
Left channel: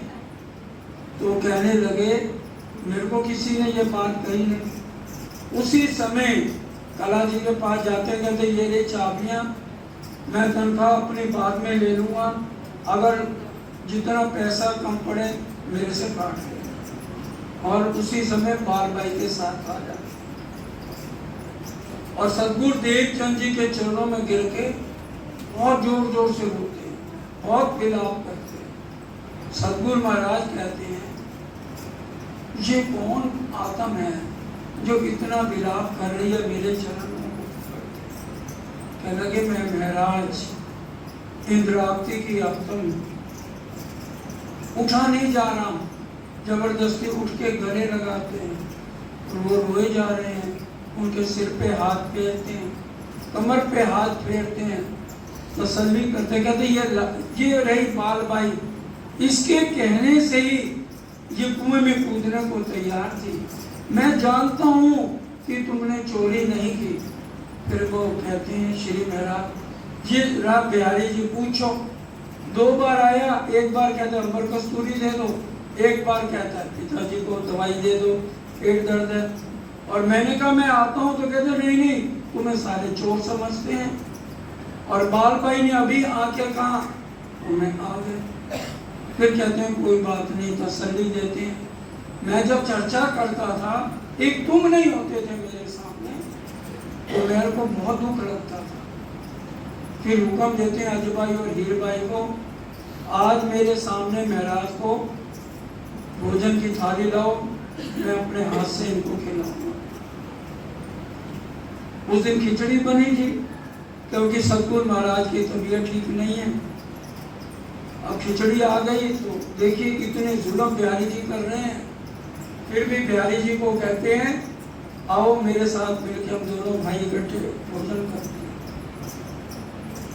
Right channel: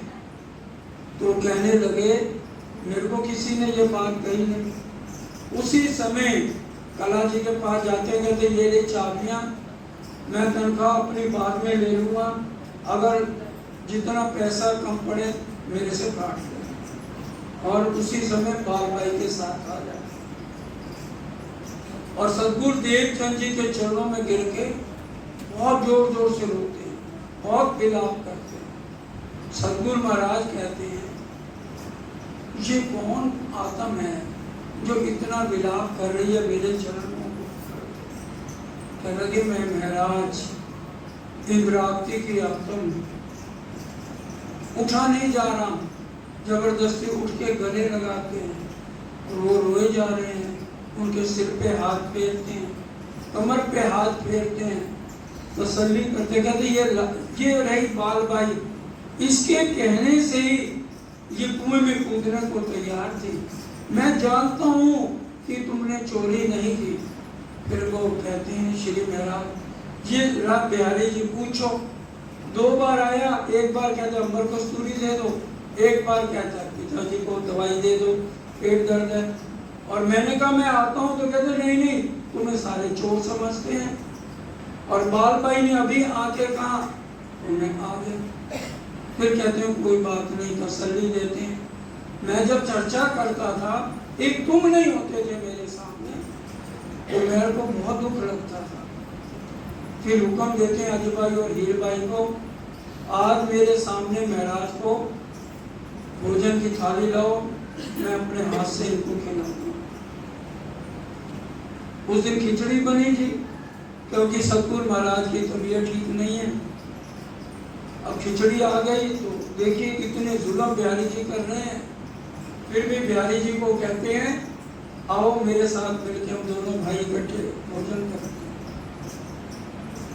तो कहने लगे मेरे को किसी ने ये बात कही नहीं। उसी समय कला जी के पास जाते हैं, कहते ये रे चाबियां, मैं तनख्वाह अपनी बाद में ले लूंगा, अगर जितना पैसा कम पड़े मेरे से काट ले। और उसी समय बाल भाई के साथ आ जाते और सतगुरु देव चंद जी के चरणों में गिर के बहुत जोर जोर से रोते हैं, बहुत विलाप करते हैं। सतगुरु महाराज कहते हैं ये कौन आत्मा है जो इतना विलाप कर रही है मेरे चरणों को? कहने लगे मैं महाराज इंद्रावती की आत्मा उठा नहीं जा रहा, जबरदस्ती उठ के गले लगाते हैं, वो रोए जा रहे हैं, उनके सिर पे हाथ फेरते हैं, कमर पे हाथ फेरते हैं, तसल्ली करते, कहते ये रही बाल बाई, इसके कहने से ही ये कुएं में कूदने को तैयार थी, मैं जानता हूँ कि तुमने चोरी नहीं की। फिर वो कहते हैं श्री महाराज ये राम बिहारी जी पूछो, 2 बार आया, एक बार कहता है अमर कस्तूरी दे दो, एक बार कहता है पिताजी को दवाई दे दो, पेट दर्द है। और मैंने कहा मैं आता हूँ, तो कहते नहीं नहीं तुम्हें सारे चोर समझते हैं। और बाल भाई ने अभी आके कहा तो मैं आ गया। फिर कहते हैं कोई बात नहीं, तसल्ली देते हैं। मैं जब चर्चा करता था, एक तुम नहीं होते थे मेरे सामने, तो मेरे को बहुत दुख लगता था। फिर हुक्म देते हैं अजय भाई और हीर भाई को, आज मेरे सामने महाराज को भोजन की थाली लाओ, मैं अपने हाथ से इनको खिलाऊंगा। उस दिन खिचड़ी बनेगी क्योंकि सतगुरु महाराज की तबीयत ठीक नहीं है। अब खिचड़ी आ गई तो देखिए कितने जुल्म बिहारी जी कर रहे हैं। फिर भी बिहारी जी को कहते हैं आओ मेरे साथ मिलकर हम दोनों भाई इकट्ठे भोजन करते हैं।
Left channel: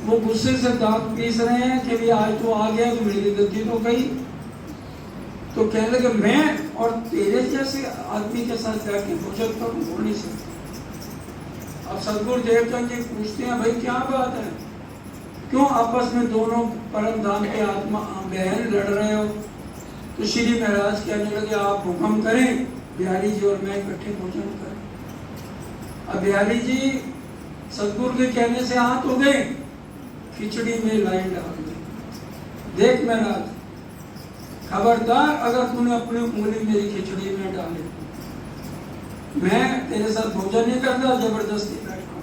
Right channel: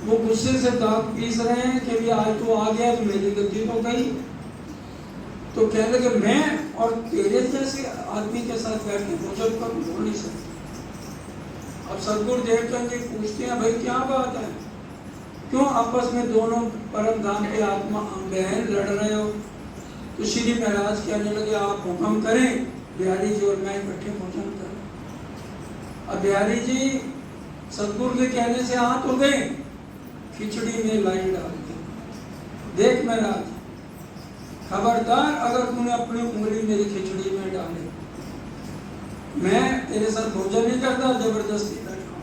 वो गुस्से से दांत पीस रहे हैं कि भी आज तो आ गया तो मेरी गद्दी तो गई। तो कहने लगे मैं और तेरे जैसे आदमी के साथ बैठ के भोजन करूं, हो नहीं सकता। अब सतगुरु देवचंद जी पूछते हैं भाई क्या बात है, क्यों आपस में दोनों परम धाम के आत्मा बहन लड़ रहे हो? तो श्री महाराज कहने लगे आप हुक्म करें, बिहारी जी और मैं इकट्ठे भोजन करें। अब बिहारी जी सतगुरु के कहने से हाथ हो गए, खिचड़ी में लाइन डाल दी। देख महाराज खबरदार अगर तूने अपनी उंगली मेरी खिचड़ी में डाली, मैं तेरे साथ भोजन नहीं करता, जबरदस्ती बैठा।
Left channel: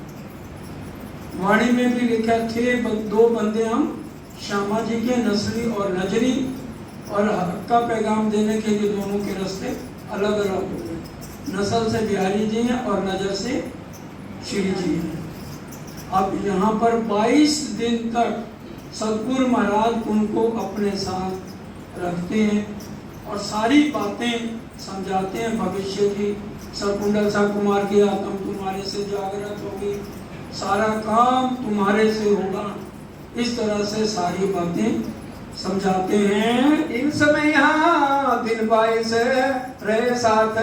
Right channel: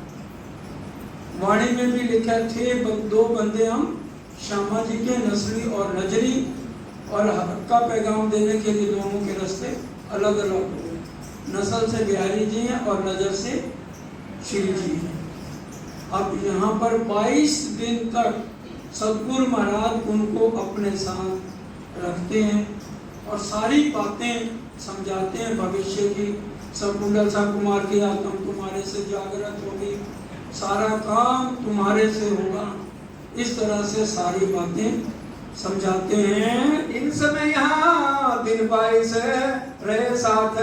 वाणी में भी लिखा थे 2 बंदे हम श्यामा जी के, नसली और नजरी, और हक का पैगाम देने के लिए दोनों के रास्ते अलग अलग हो गए। नस्ल से बिहारी जी हैं और नजर से श्री जी हैं। अब यहाँ पर 22 दिन तक सतगुरु महाराज उनको अपने साथ रखते हैं और सारी बातें समझाते हैं भविष्य की। सरकुंडल साहब कुमार की आत्मा तुम्हारे से जागृत होगी, सारा काम तुम्हारे से होगा, इस तरह से सारी बातें समझाते हैं। इन समय यहाँ दिन 22 रहे साथ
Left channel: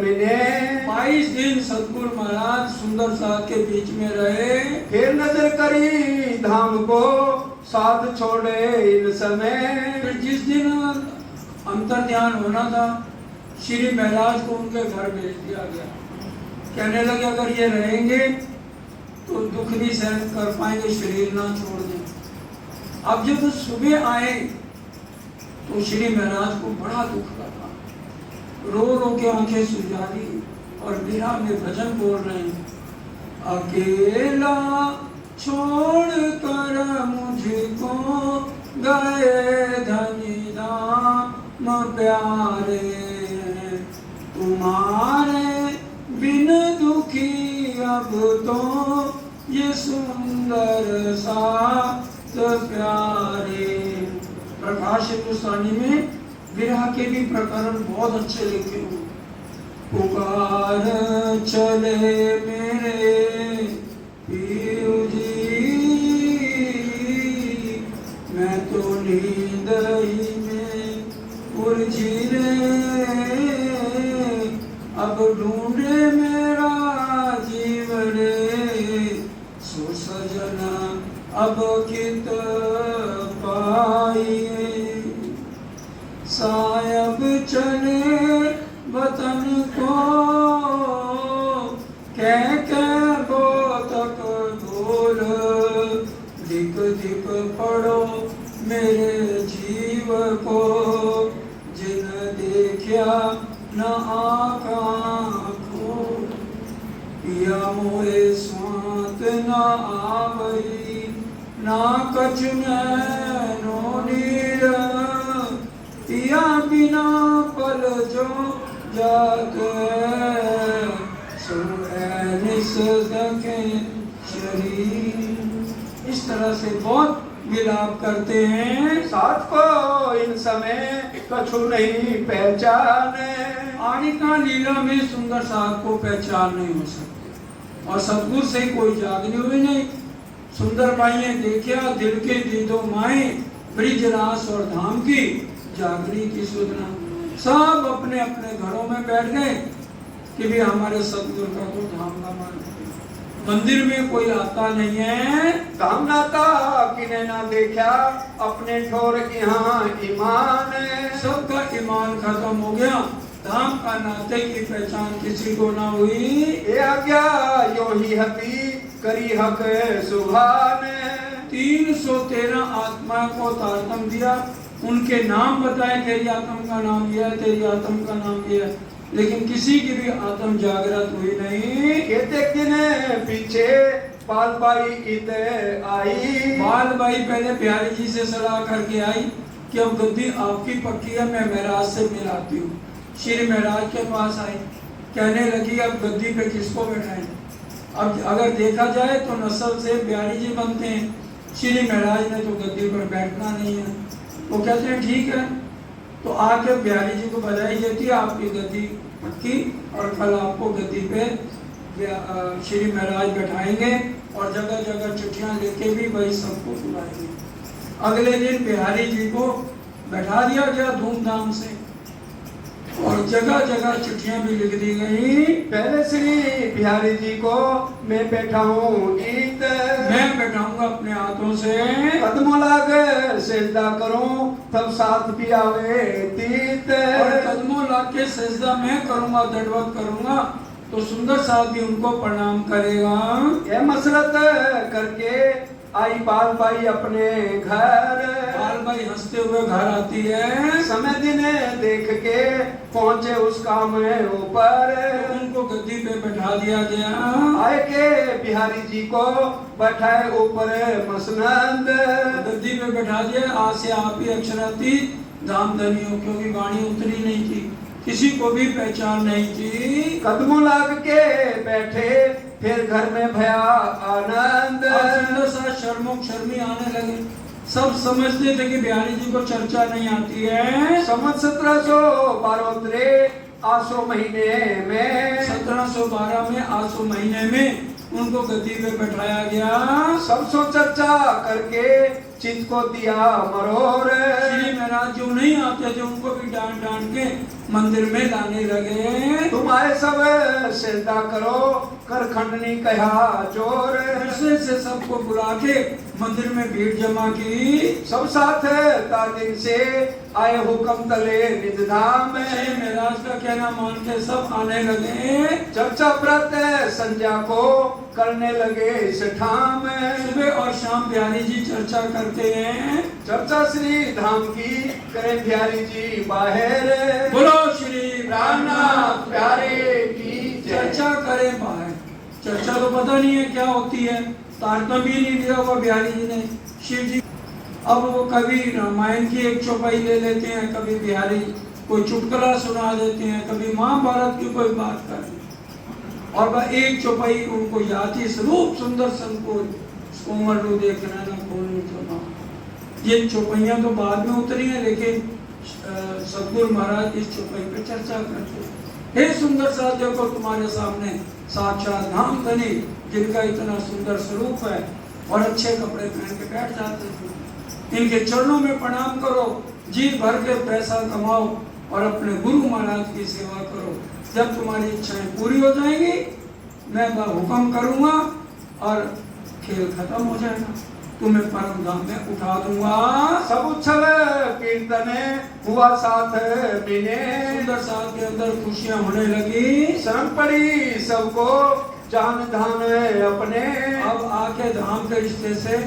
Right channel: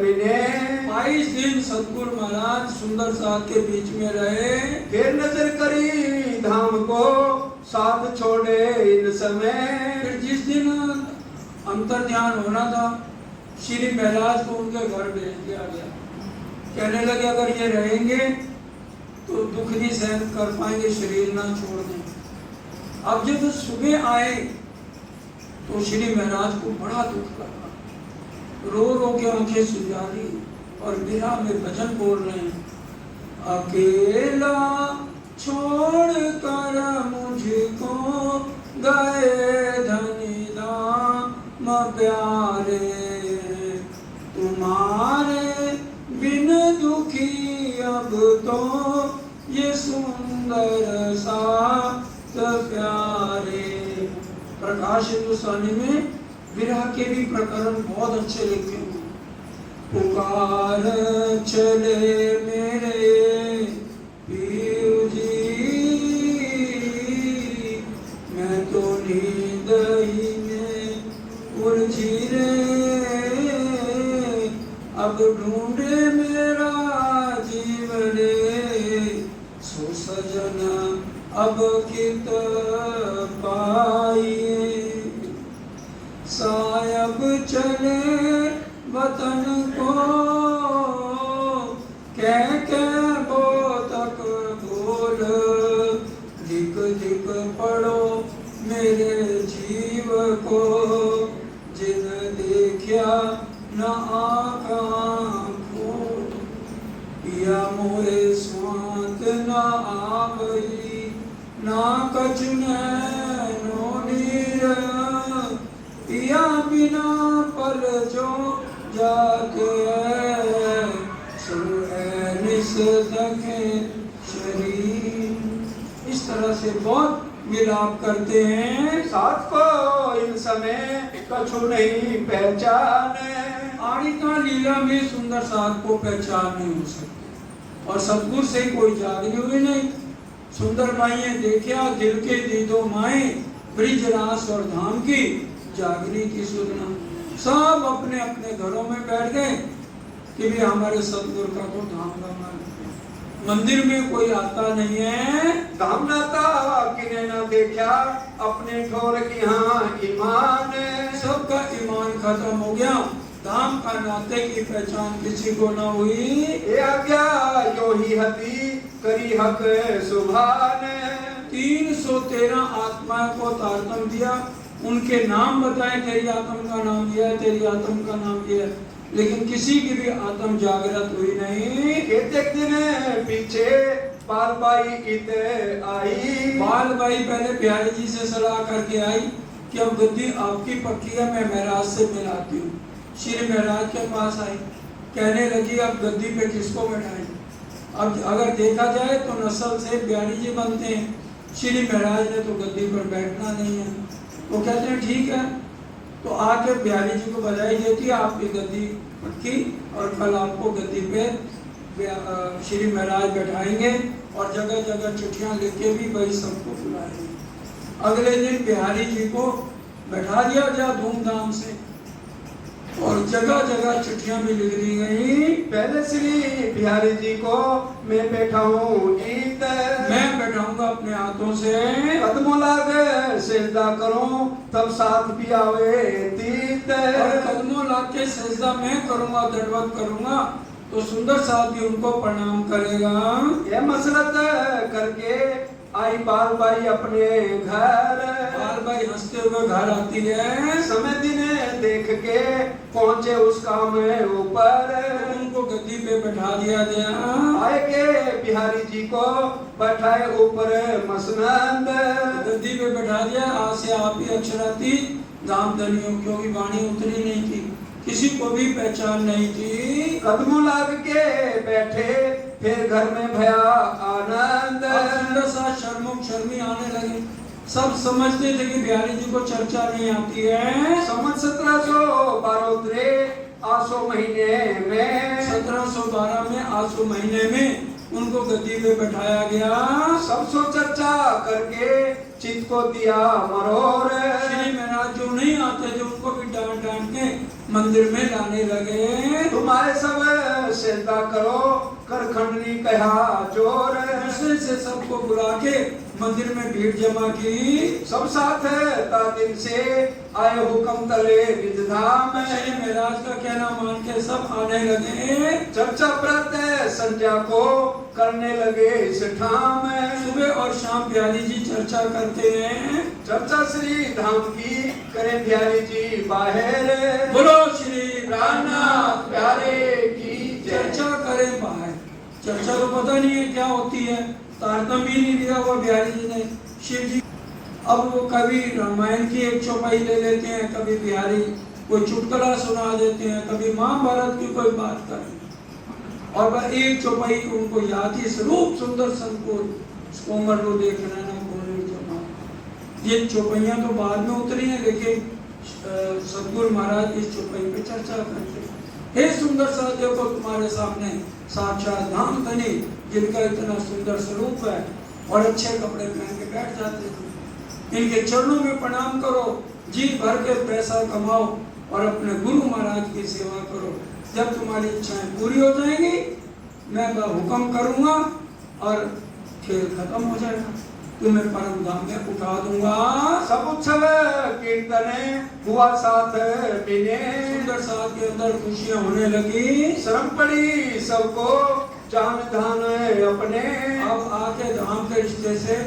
मिले, 22 दिन सतगुरु महाराज सुंदर साथ के बीच में रहे। फिर नजर करी धाम को साथ छोड़े इन समय। फिर जिस दिन अंतर ध्यान होना था, श्री महाराज को उनके घर भेज दिया गया। कहने लगे अगर ये रहेंगे तो दुख नहीं सहन कर पाएंगे, शरीर ना छोड़ दें। अब जब सुबह आए तो श्री महाराज को बड़ा दुख लगा, रो रो के आंखें सुजारी और बिरहा में भजन बोल रहे हैं। अकेला छोड़ कर मुझको गए धनी धाम प्यारे, तुम्हारे बिन दुखी तो ये सुंदर सात प्यारे। प्रकाश हिंदुस्तानी में विरह के भी प्रकरण बहुत अच्छे लिखे हुए। पुकार चले मेरे पीऊ जी, मैं तो नींद ही में उलझी रे, अब ढूंढे मेरा जीवन सो सजन अब कित पाइए। सायब चले वतन को कह वो तक बोल, दिक दिक पढ़ो मेरे जीव को, जिन देखा न आँखों को, पिया मोए स्वात न आवई, ना कछ नैनो नीर, पिया बिना पल जो जाके, निस दखे शरीर। इस तरह से बहुत विलाप करते हैं। साथ को इन समय कछु नहीं पहचाने, आनिका लीला में सुंदर साथ को पहचान नहीं हो सकती, और सतगुरु से कोई जागरी हुई नहीं। सुंदर माइये देखा दिल के दीदो माए, ब्रिज रास और धाम की जागरी की सुधना। सब अपने अपने घरों में बैठ गए कि भी हमारे सतगुरु का तो धाम गमा। मंदिर में कोई आता नहीं है। धाम नाता किने ना देखा, अपने ठोर की हाँ ईमान, सबका ईमान खत्म हो गया। धाम का नाते की पहचान किसी को ना हुई। ये आज्ञा यो ही हती करी हक सुभान। 313 आत्माओं को तारतम दिया, उनके नाम बताए, तेरी आत्म का नाम दिया, तेरी आत्म का नाम दिया, लेकिन किसी की भी आत्म जागृत हुई नहीं। कहते दिन पीछे पाल बाई इत आई। बाल बाई पहले बिहारी जी से सलाह करके आई कि अब गद्दी आपकी पक्की है, मैं महराज से मिलाती हूँ। श्री महराज के पास आई, कहने लगी अब गद्दी पे किसको बैठाएं। अब अगर देखा जाए तो नस्ल से बिहारी जी बनते हैं, श्री महराज ने तो गद्दी पर बैठना नहीं है। वो कहते हैं ठीक है, तो आके बिहारी जी को बधाई देती है, आपकी गद्दी पक्की, और कल आपको गद्दी पे श्री महराज बैठाएंगे, और जगह जगह चिट्ठियां लिख के भी वही सबको बुलाएंगे। अगले दिन बिहारी जी को बैठा दिया गया धूमधाम से, और जगह जगह चिट्ठियां भी लिख दी गई। पहले श्री बिहारी जी को मैं बैठाऊं गीत, मैं बैठाऊंगा अपने हाथों से, कदमों लाग सजदा करूं तब साथ भी आवे तीत। और कदमों लाके सजदा मैं करूंगा, दंडवत करूंगा, तो सुंदर साथ भी उनको प्रणाम करेगा। ये मसरत करके आई बाल बाई अपने घर। बाल बाई हंसते हुए घर आती है। समय दिन देख के पहुंचे उस काम ऊपर, उनको गद्दी पे बैठा दिया गया। आए के बिहारी जी को बैठाए ऊपर मसनंद, गद्दी पे बैठा दिया। आज से आप ही अक्षरातीत दाम धनियों, क्योंकि वाणी उतरी नहीं थी, किसी को भी पहचान नहीं थी। कदमों लाग के बैठे फिर घर में भया आनंद। सुंदर सा शर्मो शर्मी आने लगे। सब समझते थे कि बिहारी जी को चर्चा नहीं आती है। संवत 1712 आसो महीने में, 1712 में आसो महीने में उनको गद्दी पे बैठाया गया। सब सो चर्चा करके चित को दिया मरोर। श्री महाराज जो नहीं आते थे उनको भी डांट डांट के मंदिर में लाने लगे। तुम आए सब सेवा करो, कर खंडनी कहा जोर। दूसरे से सबको बुला के मंदिर में भीड़ जमा की। सब साथ का दिन से आए हुक्म तले निज धाम। श्री महाराज का कहना मान के सब आने लगे। चर्चा व्रत संध्या को करने लगे इस ठाम। सुबह और शाम बिहारी जी चर्चा करते हैं। चर्चा श्री धाम की करे बिहारी जी बाहर। बोलो श्री प्राणनाथ प्यारे की चर्चा करे बाहर। चर्चा तो पता नहीं है क्या होती है, तारतम ही नहीं दिया वो बिहारी जी ने। शिव जी अब वो कभी रामायण की एक चौपाई ले लेते हैं, कभी बिहारी कोई चुटकुला सुना देते हैं, कभी महाभारत की कोई बात करते हैं। और वह एक चौपाई उनको याद थी, स्वरूप सुंदर सन को कोमल रो देखना ना कोमल चौपा। ये चौपाइयाँ तो बाद में उतरी हैं, लेकिन सदगुरु महाराज इस चौपाई पे चर्चा करते हैं। हे सुंदर सा देखो तुम्हारे सामने साक्षात धाम धनी, जिनका इतना सुंदर स्वरूप है और अच्छे कपड़े पहन के बैठ जाते हैं। इनके चरणों में प्रणाम करो, जी भर के पैसा कमाओ और अपने गुरु महाराज की सेवा करो। जब तुम्हारी इच्छाएं पूरी हो जाएंगी, मैं वह हुक्म करूंगा और खेल खत्म हो जाएगा, तुम्हें परम धाम में उठा दूंगा। सब उत्सव कीर्तन हुआ साथ पीने, सुंदर साथ के अंदर खुशियां होने लगी। शर्म पड़ी सबको जान धाम अपने। अब आके धाम के रिश्ते से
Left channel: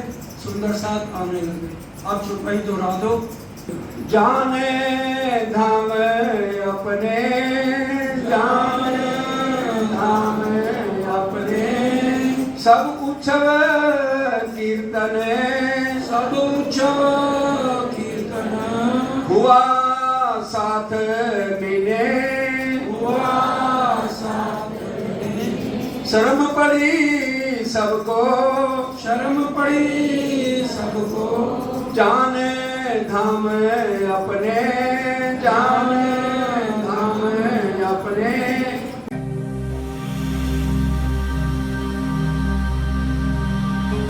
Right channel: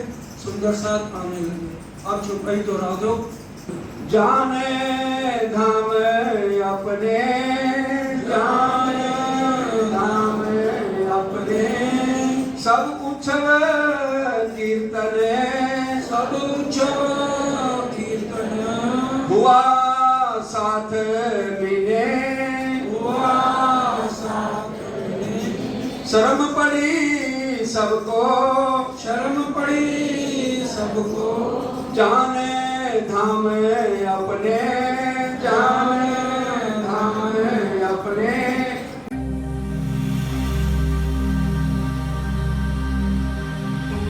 सुंदर साथ आने लगे। अब चौपाई दोहरा दो। जाने धाम अपने, जाने धाम अपने, सब उत्सव कीर्तन, सब उत्सव कीर्तन हुआ साथ मिले, हुआ साथ मिले। शर्म पड़ी सबको, शर्म पड़ी सबको जाने धाम